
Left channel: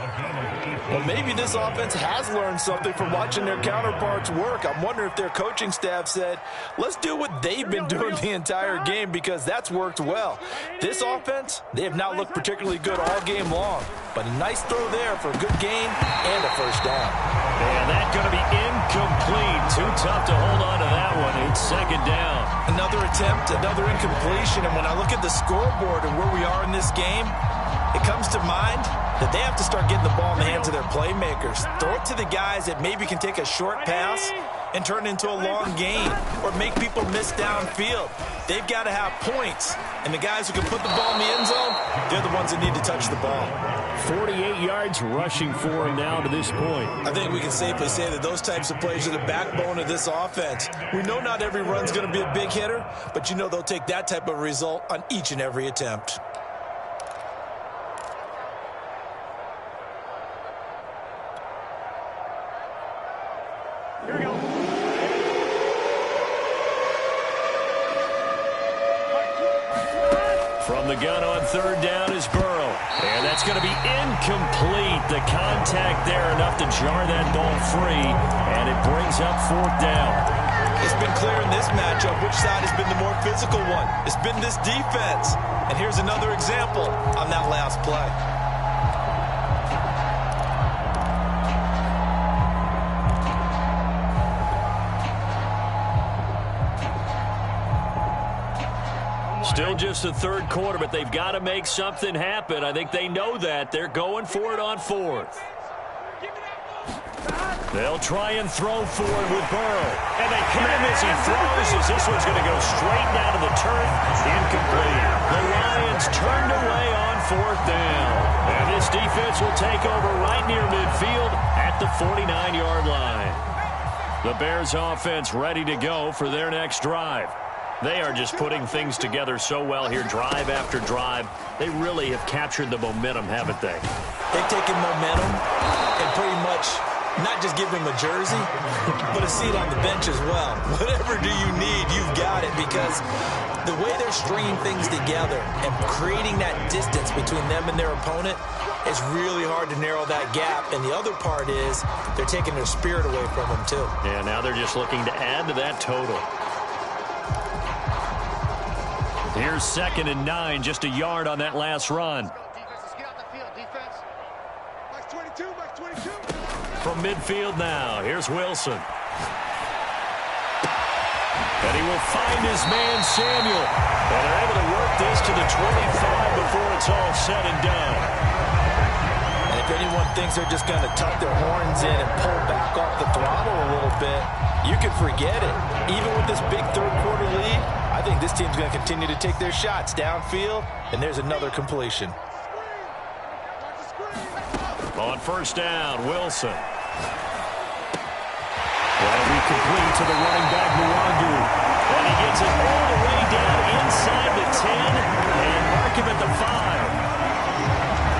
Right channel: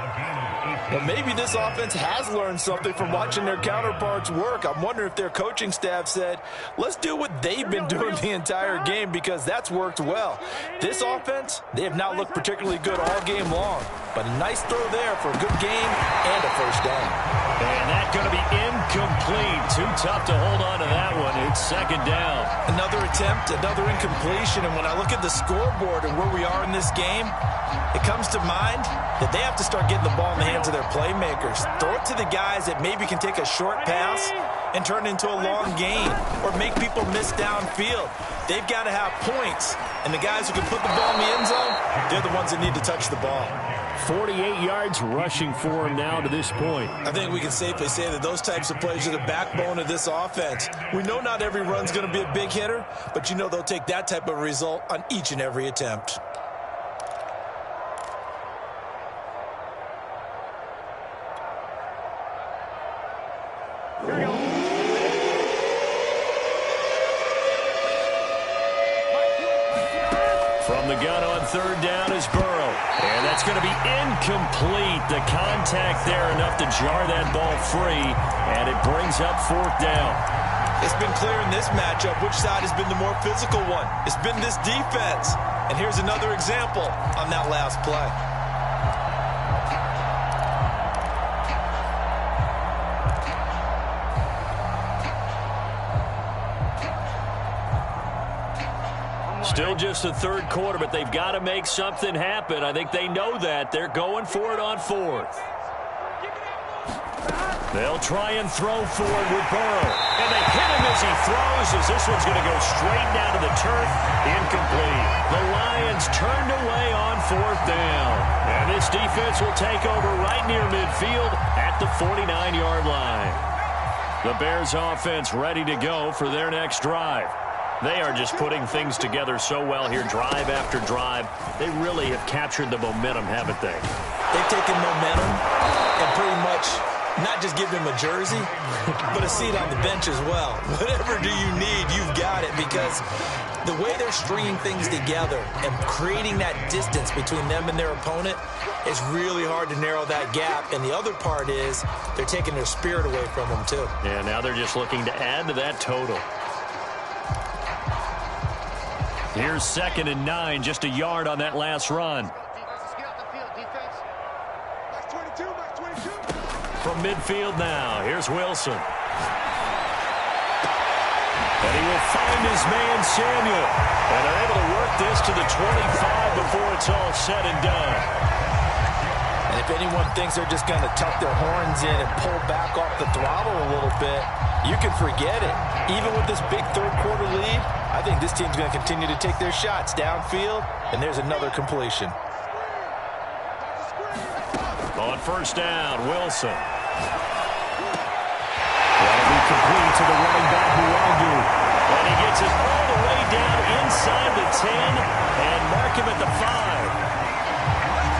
Well, maybe this offense has learned something from watching their counterparts work. I'm wondering if their coaching staff said, let's do what they've been doing the entire game because that's worked well. This offense, they have not looked particularly good all game long. But a nice throw there for a good gain and a first down. And that's going to be incomplete. Too tough to hold on to that one. It's 2nd down. Another attempt, another incompletion. And when I look at the scoreboard and where we are in this game, it comes to mind that they have to start getting the ball in the hands of their playmakers. Throw it to the guys that maybe can take a short pass and turn it into a long gain or make people miss downfield. They've got to have points. And the guys who can put the ball in the end zone, they're the ones that need to touch the ball. 48 yards rushing for him now to this point. I think we can safely say that those types of plays are the backbone of this offense. We know not every run's going to be a big hitter, but you know they'll take that type of result on each and every attempt. Here we go. From the gun on third down is Burrow. And that's going to be incomplete. The contact there enough to jar that ball free. And it brings up fourth down. It's been clear in this matchup which side has been the more physical one. It's been this defense. And here's another example on that last play. Still just the third quarter, but they've got to make something happen. I think they know that. They're going for it on fourth. They'll try and throw forward with Burrow. And they hit him as he throws, as this one's going to go straight down to the turf. Incomplete. The Lions turned away on fourth down. And this defense will take over right near midfield at the 49-yard line. The Bears offense ready to go for their next drive. They are just putting things together so well here, drive after drive. They really have captured the momentum, haven't they? They've taken momentum and pretty much not just give him a jersey, but a seat on the bench as well. Whatever do you need, you've got it, because the way they're stringing things together and creating that distance between them and their opponent is really hard to narrow that gap. And the other part is they're taking their spirit away from them, too. Yeah, now they're just looking to add to that total. Here's 2nd and 9, just a yard on that last run. From midfield now, here's Wilson. And he will find his man, Samuel. And they're able to work this to the 25 before it's all said and done. And if anyone thinks they're just going to tuck their horns in and pull back off the throttle a little bit, you can forget it. Even with this big third-quarter lead, I think this team's going to continue to take their shots downfield, and there's another completion. On first down, Wilson. That'll be complete to the running back, Nwangu. And he gets it all the way down inside the 10 and mark him at the 5.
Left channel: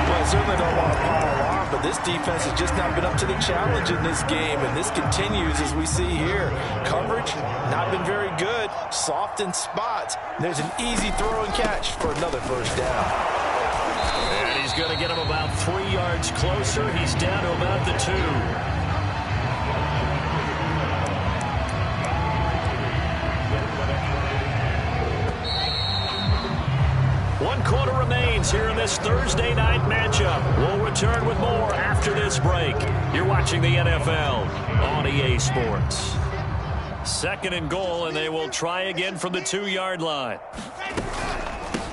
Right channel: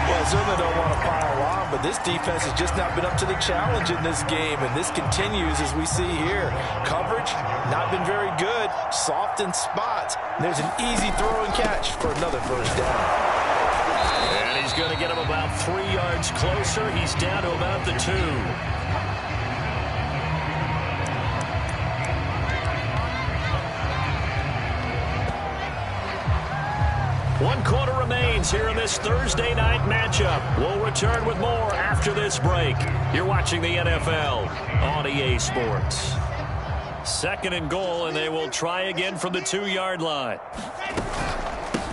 Well, I certainly don't want to pile on, but this defense has just not been up to the challenge in this game, and this continues as we see here. Coverage, not been very good, soft in spots. There's an easy throw and catch for another first down. And he's going to get him about 3 yards closer. He's down to about the 2. One quarter remains here in this Thursday night matchup. We'll return with more after this break. You're watching the NFL on EA Sports. 2nd and goal, and they will try again from the 2-yard line.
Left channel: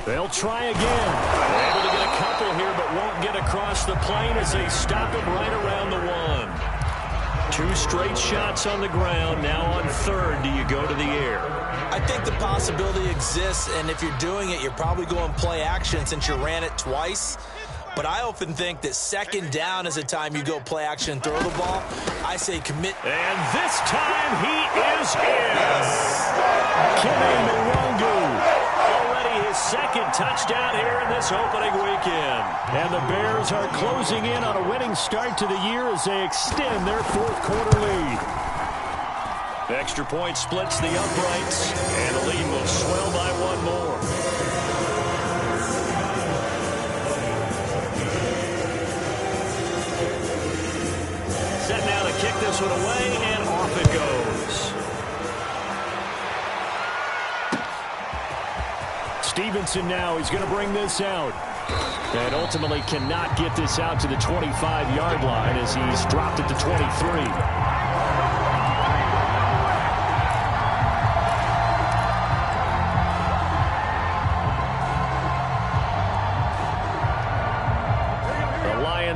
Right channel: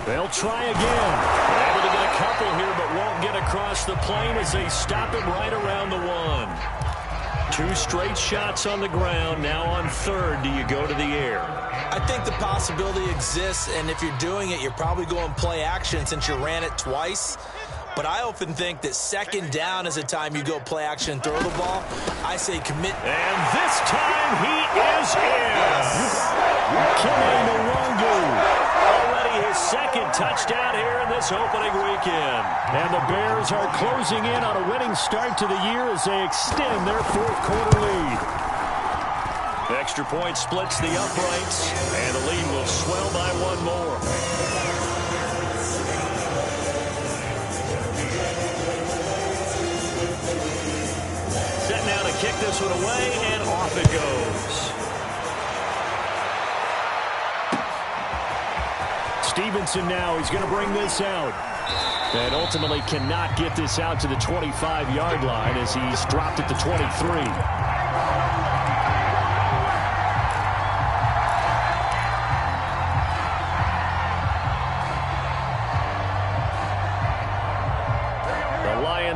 They'll try again. They're able to get a couple here, but won't get across the plane as they stop him right around the 1. 2 straight shots on the ground. Now on third, do you go to the air? I think the possibility exists, and if you're doing it, you're probably going play action since you ran it twice. But I often think that 2nd down is the time you go play action and throw the ball. I say commit. And this time he is in. Yes. Kene Nwangu. Already his 2nd touchdown here in this opening weekend. And the Bears are closing in on a winning start to the year as they extend their 4th quarter lead. The extra point splits the uprights, and the lead will swell by 1 more. Set now to kick this one away, and off it goes. Stevenson now, he's going to bring this out. And ultimately cannot get this out to the 25-yard line as he's dropped it to 23.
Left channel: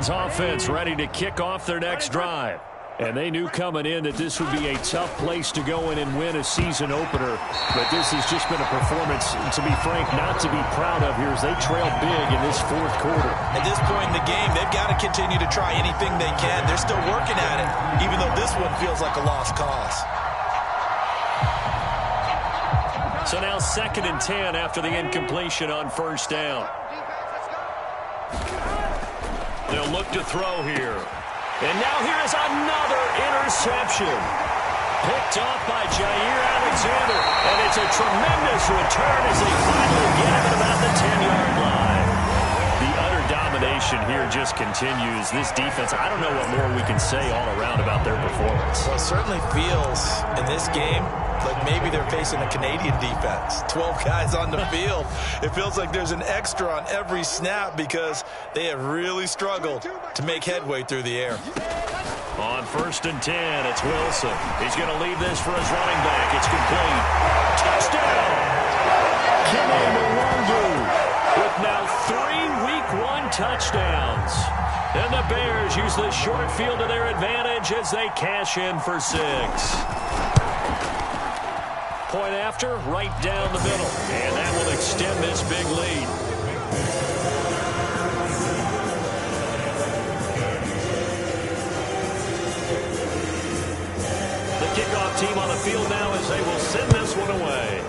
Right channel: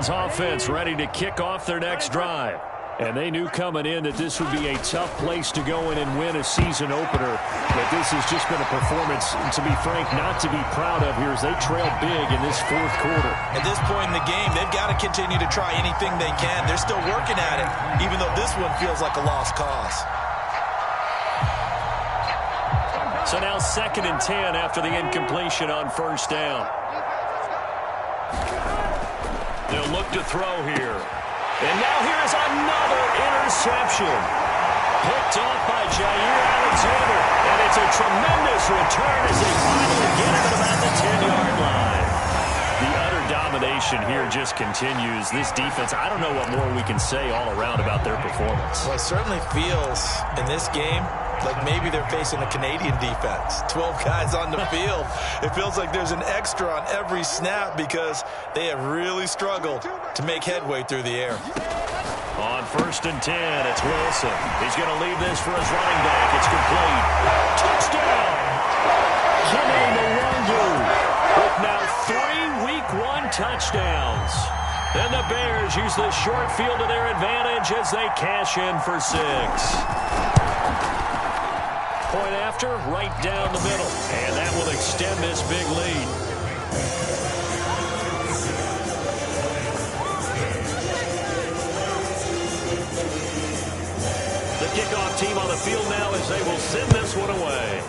Offense ready to kick off their next drive. And they knew coming in that this would be a tough place to go in and win a season opener. But this has just been a performance, to be frank, not to be proud of here as they trail big in this 4th quarter. At this point in the game, they've got to continue to try anything they can. They're still working at it, even though this one feels like a lost cause. So now 2nd and 10 after the incompletion on first down. They'll look to throw here. And now here is another interception. Picked off by Jair Alexander. And it's a tremendous return as they finally get him at about the 10-yard line. The utter domination here just continues. This defense, I don't know what more we can say all around about their performance. Well, it certainly feels in this game like maybe they're facing a Canadian defense. 12 guys on the field. It feels like there's an extra on every snap because they have really struggled to make headway through the air. On 1st and 10, it's Wilson. He's going to leave this for his running back. It's complete. Touchdown! Kene Nwangu with now 3 Week 1 touchdowns. And the Bears use the short field to their advantage as they cash in for 6. Point after, right down the middle. And that will extend this big lead. The kickoff team on the field now as they will send this one away.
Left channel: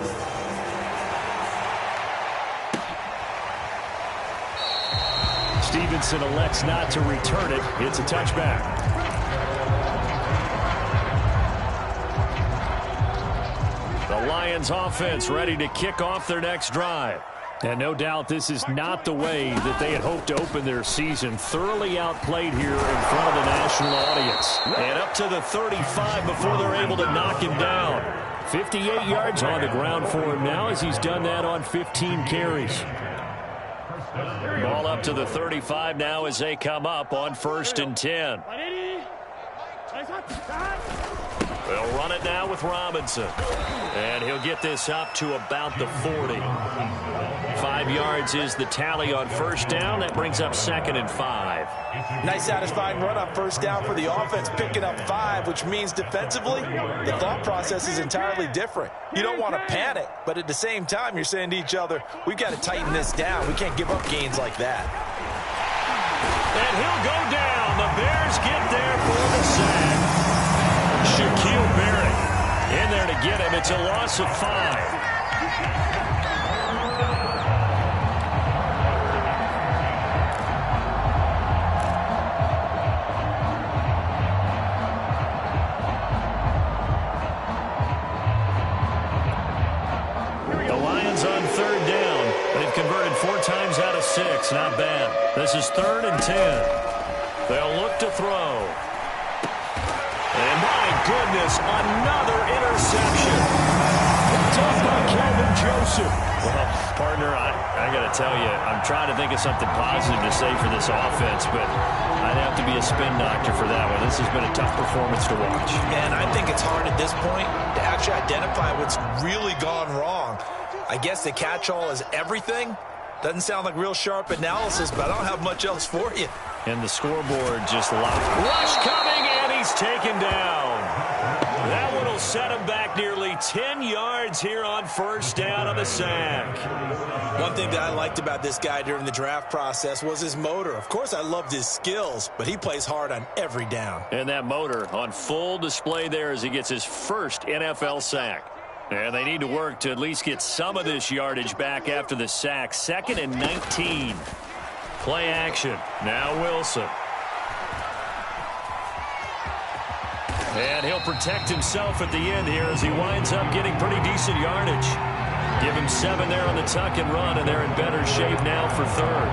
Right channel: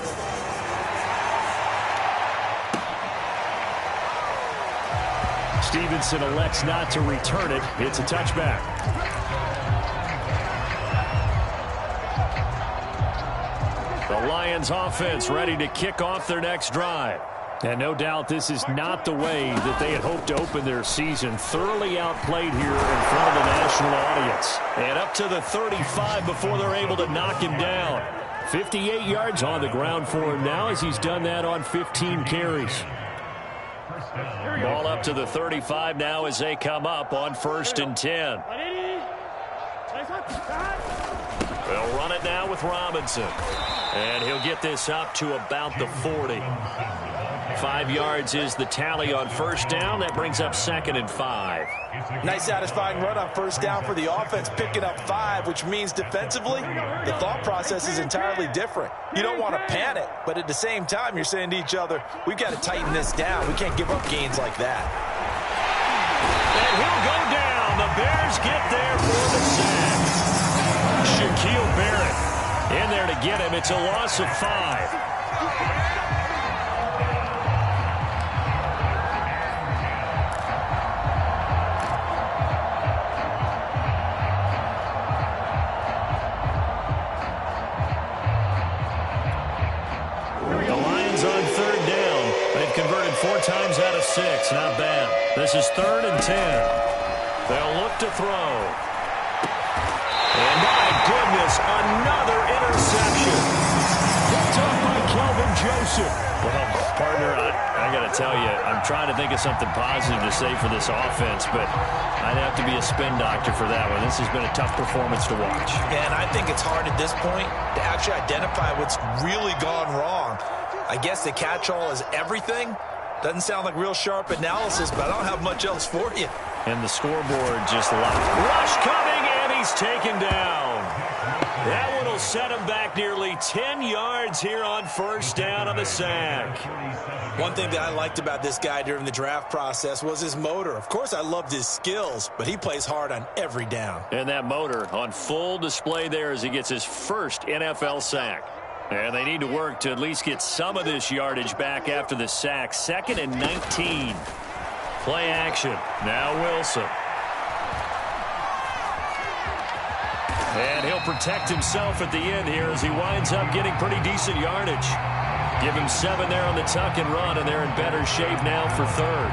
Stevenson elects not to return it. It's a touchback. The Lions offense ready to kick off their next drive. And no doubt this is not the way that they had hoped to open their season. Thoroughly outplayed here in front of the national audience. And up to the 35 before they're able to knock him down. 58 yards on the ground for him now as he's done that on 15 carries. Ball up to the 35 now as they come up on 1st and 10. They'll run it now with Robinson. And he'll get this up to about the 40. 5 yards is the tally on 1st down. That brings up 2nd and 5. Nice satisfying run on 1st down for the offense, picking up 5, which means defensively, the thought process is entirely different. You don't want to panic, but at the same time, you're saying to each other, we've got to tighten this down. We can't give up gains like that. And he'll go down. The Bears get there for the sack. Shaquille Barrett in there to get him. It's a loss of 5. The Lions on 3rd down. They've converted 4 times out of 6. Not bad. This is 3rd and 10. They'll look to throw. And my goodness, another interception. Picked off by Kelvin Joseph. Well, partner, I got to tell you, I'm trying to think of something positive to say for this offense, but I'd have to be a spin doctor for that one. This has been a tough performance to watch. And I think it's hard at this point to actually identify what's really gone wrong. I guess the catch-all is everything. Doesn't sound like real sharp analysis, but I don't have much else for you. And the scoreboard just locked. Rush coming, and he's taken down. That one will set him back nearly 10 yards here on 1st down on the sack. One thing that I liked about this guy during the draft process was his motor. Of course, I loved his skills, but he plays hard on every down. And that motor on full display there as he gets his first NFL sack. And they need to work to at least get some of this yardage back after the sack. 2nd and 19. Play action. Now Wilson. And he'll protect himself at the end here as he winds up getting pretty decent yardage. Give him 7 there on the tuck and run, and they're in better shape now for 3rd.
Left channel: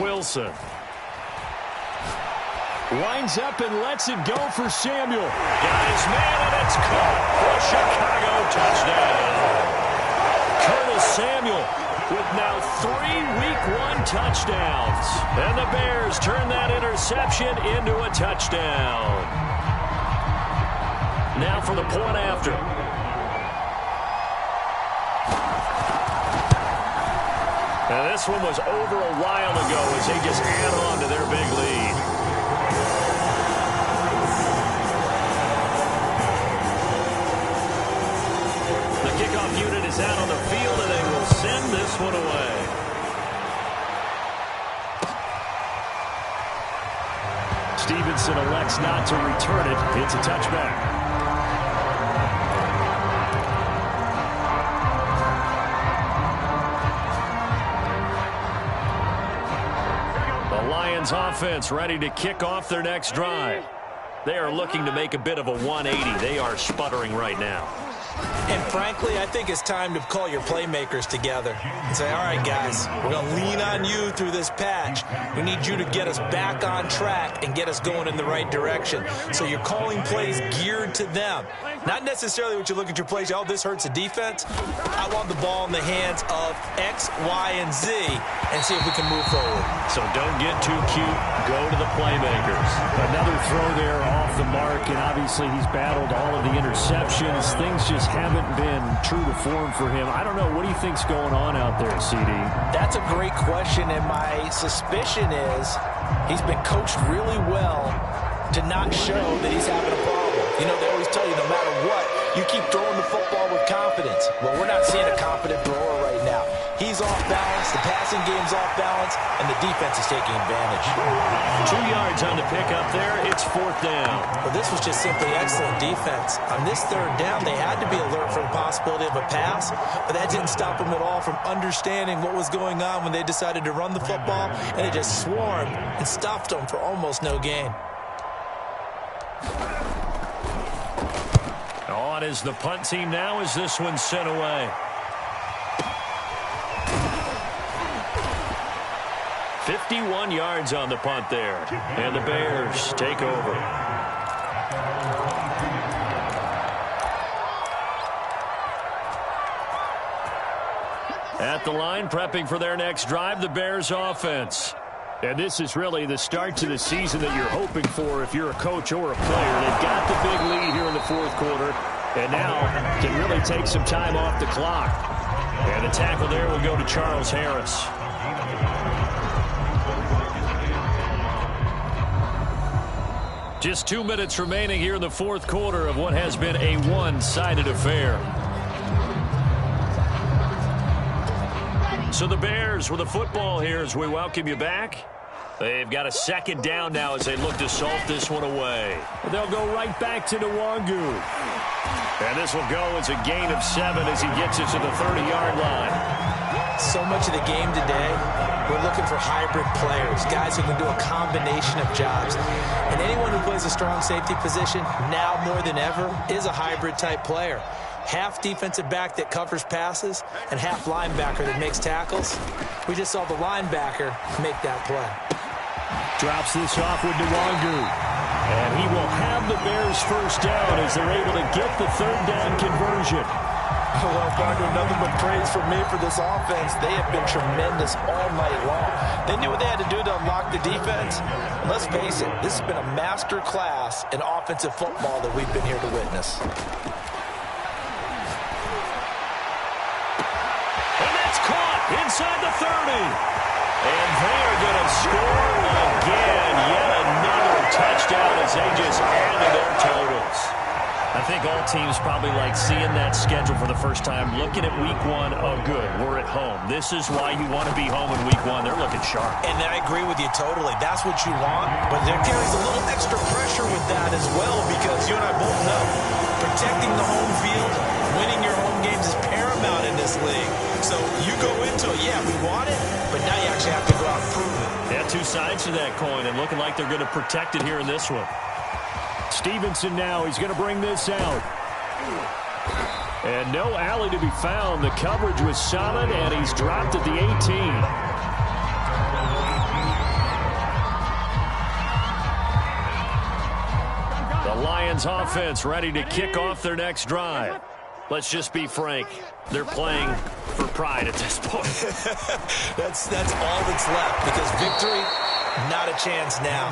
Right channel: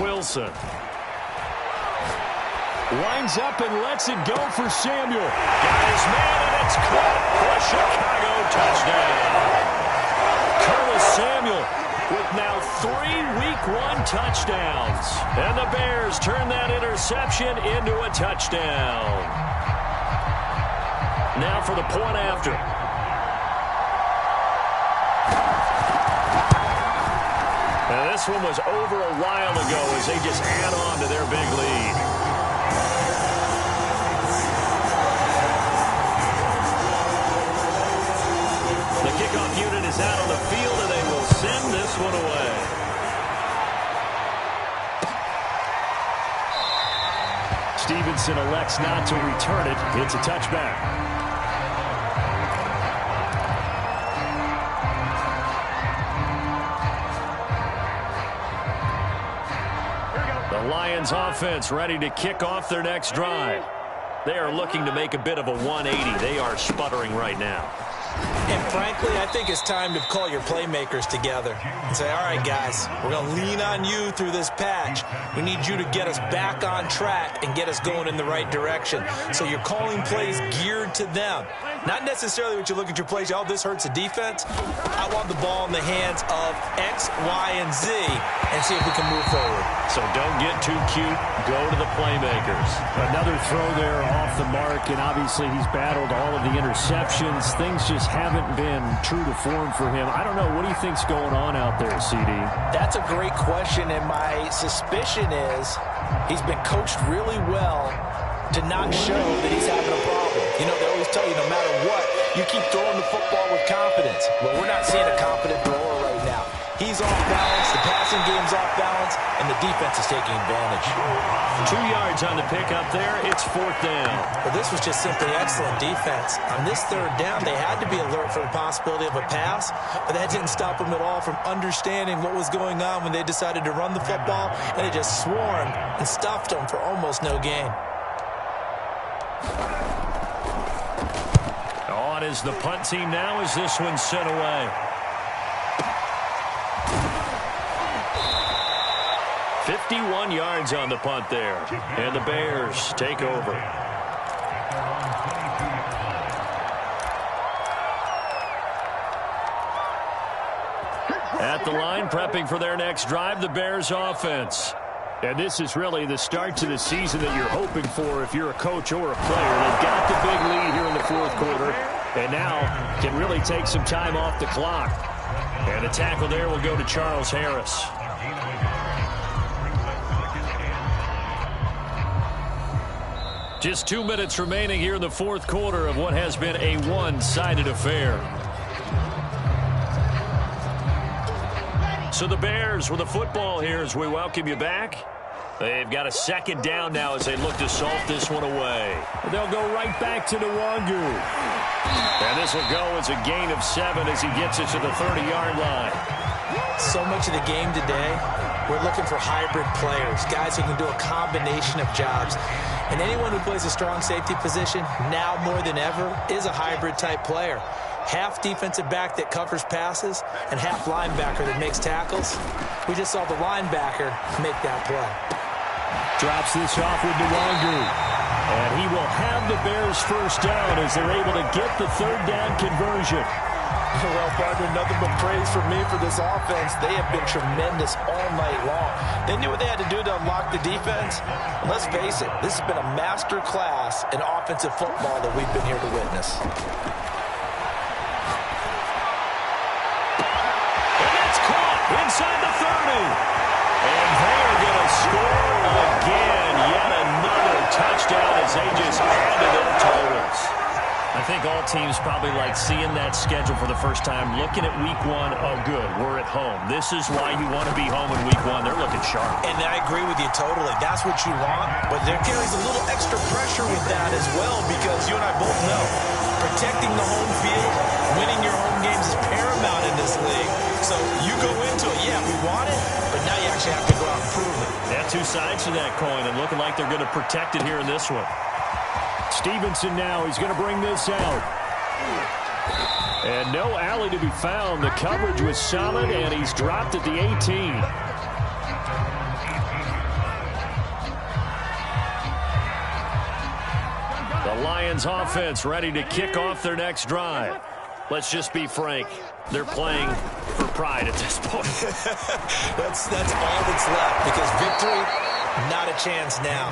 Wilson. Winds up and lets it go for Samuel. Got his man, and it's caught for a Chicago touchdown. Curtis Samuel with now 3 Week 1 touchdowns. And the Bears turn that interception into a touchdown. Now for the point after. Now this one was over a while ago as they just add on to their big lead. The kickoff unit is out on the field, and they will send this one away. Stevenson elects not to return it. It's a touchback. The Lions offense ready to kick off their next drive. They are looking to make a bit of a 180. They are sputtering right now. And frankly, I think it's time to call your playmakers together and say, all right, guys, we're going to lean on you through this patch. We need you to get us back on track and get us going in the right direction. So you're calling plays geared to them. Not necessarily what you look at your plays, oh, this hurts the defense. I want the ball in the hands of X, Y, and Z and see if we can move forward. So don't get too cute. Go to the playmakers. Another throw there off the mark, and obviously he's battled all of the interceptions. Things just haven't been true to form for him. I don't know. What do you think's going on out there, CD? That's a great question, and my suspicion is he's been coached really well to not show that he's having a problem. You know, they always tell you no matter what, you keep throwing the football with confidence. Well, we're not seeing a confident thrower right now. He's off balance, the passing game's off balance, and the defense is taking advantage. 2 yards on the pickup there. It's 4th down. Well, this was just simply excellent defense. On this 3rd down, they had to be alert for the possibility of a pass, but that didn't stop them at all from understanding what was going on when they decided to run the football, and they just swarmed and stuffed them for almost no gain. On is the punt team now as this one's sent away. 51 yards on the punt there. And the Bears take over. At the line, prepping for their next drive, the Bears offense. And this is really the start to the season that you're hoping for if you're a coach or a player. They've got the big lead here in the 4th quarter, and now can really take some time off the clock. And the tackle there will go to Charles Harris. Just 2 minutes remaining here in the 4th quarter of what has been a one-sided affair. So the Bears with the football here as we welcome you back. They've got a 2nd down now as they look to salt this one away. They'll go right back to Nwangu. And this will go as a gain of 7 as he gets it to the 30-yard line. So much of the game today, we're looking for hybrid players, guys who can do a combination of jobs. And anyone who plays a strong safety position, now more than ever, is a hybrid-type player. Half defensive back that covers passes and half linebacker that makes tackles. We just saw the linebacker make that play. Drops this off with Nwangu. And he will have the Bears 1st down as they're able to get the 3rd down conversion. Well, partner, nothing but praise from me for this offense. They have been tremendous all night long. They knew what they had to do to unlock the defense. And let's face it, this has been a master class in offensive football that we've been here to witness. And that's caught inside the 30. And they are going to score again. Yet another touchdown as they just add to their totals. I think all teams probably like seeing that schedule for the first time, looking at week 1. Oh, good, we're at home. This is why you want to be home in week 1. They're looking sharp. And I agree with you totally. That's what you want. But there carries a little extra pressure with that as well because you and I both know protecting the home field, winning your home games is paramount in this league. So you go into it, yeah, we want it, but now you actually have to go out and prove it. Yeah, 2 sides to that coin and looking like they're going to protect it here in this one. Stevenson now, he's going to bring this out. And no alley to be found. The coverage was solid, and he's dropped at the 18. The Lions offense ready to kick off their next drive. Let's just be frank. They're playing for pride at this point. That's all that's left because victory, not a chance now.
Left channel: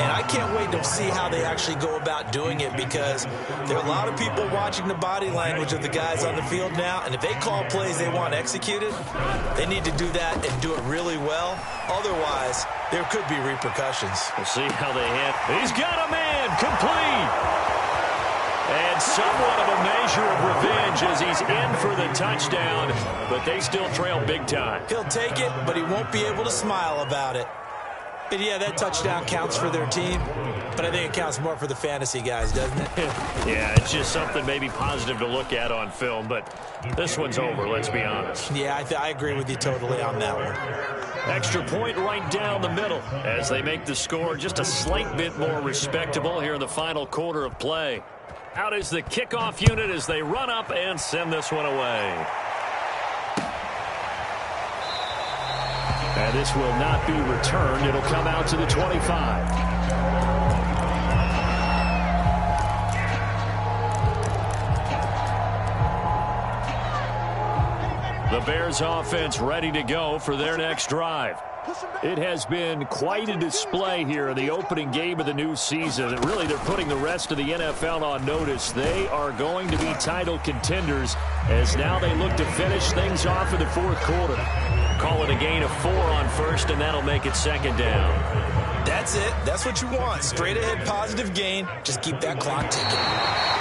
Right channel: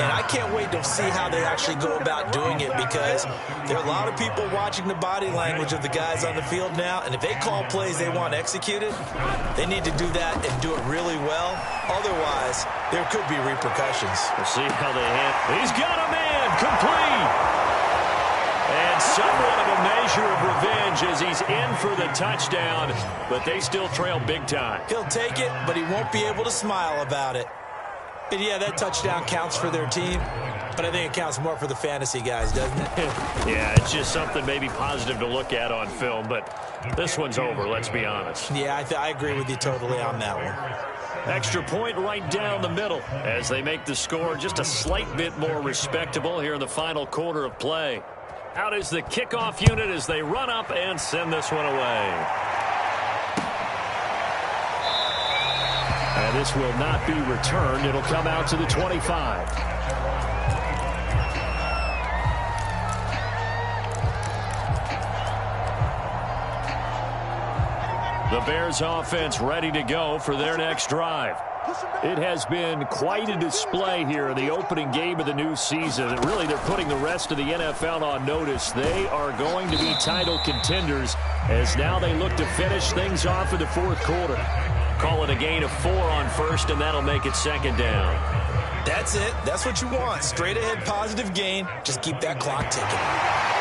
And I can't wait to see how they actually go about doing it because there are a lot of people watching the body language of the guys on the field now. And if they call plays they want executed, they need to do that and do it really well. Otherwise, there could be repercussions. We'll see how they handle. He's got a man complete. And somewhat of a measure of revenge as he's in for the touchdown, but they still trail big time. He'll take it, but he won't be able to smile about it. And yeah, that touchdown counts for their team, But I think it counts more for the fantasy guys, doesn't it? Yeah, it's just something maybe positive to look at on film, but this one's over, let's be honest. Yeah, I agree with you totally on that one. Extra point right down the middle as they make the score just a slight bit more respectable here in the final quarter of play. Out is the kickoff unit as they run up and send this one away. And this will not be returned. It'll come out to the 25. The Bears offense ready to go for their next drive. It has been quite a display here in the opening game of the new season. And really, they're putting the rest of the NFL on notice. They are going to be title contenders as now they look to finish things off in the fourth quarter. Call it a gain of 4 on first, and that'll make it second down. That's it. That's what you want. Straight ahead positive gain. Just keep that clock ticking.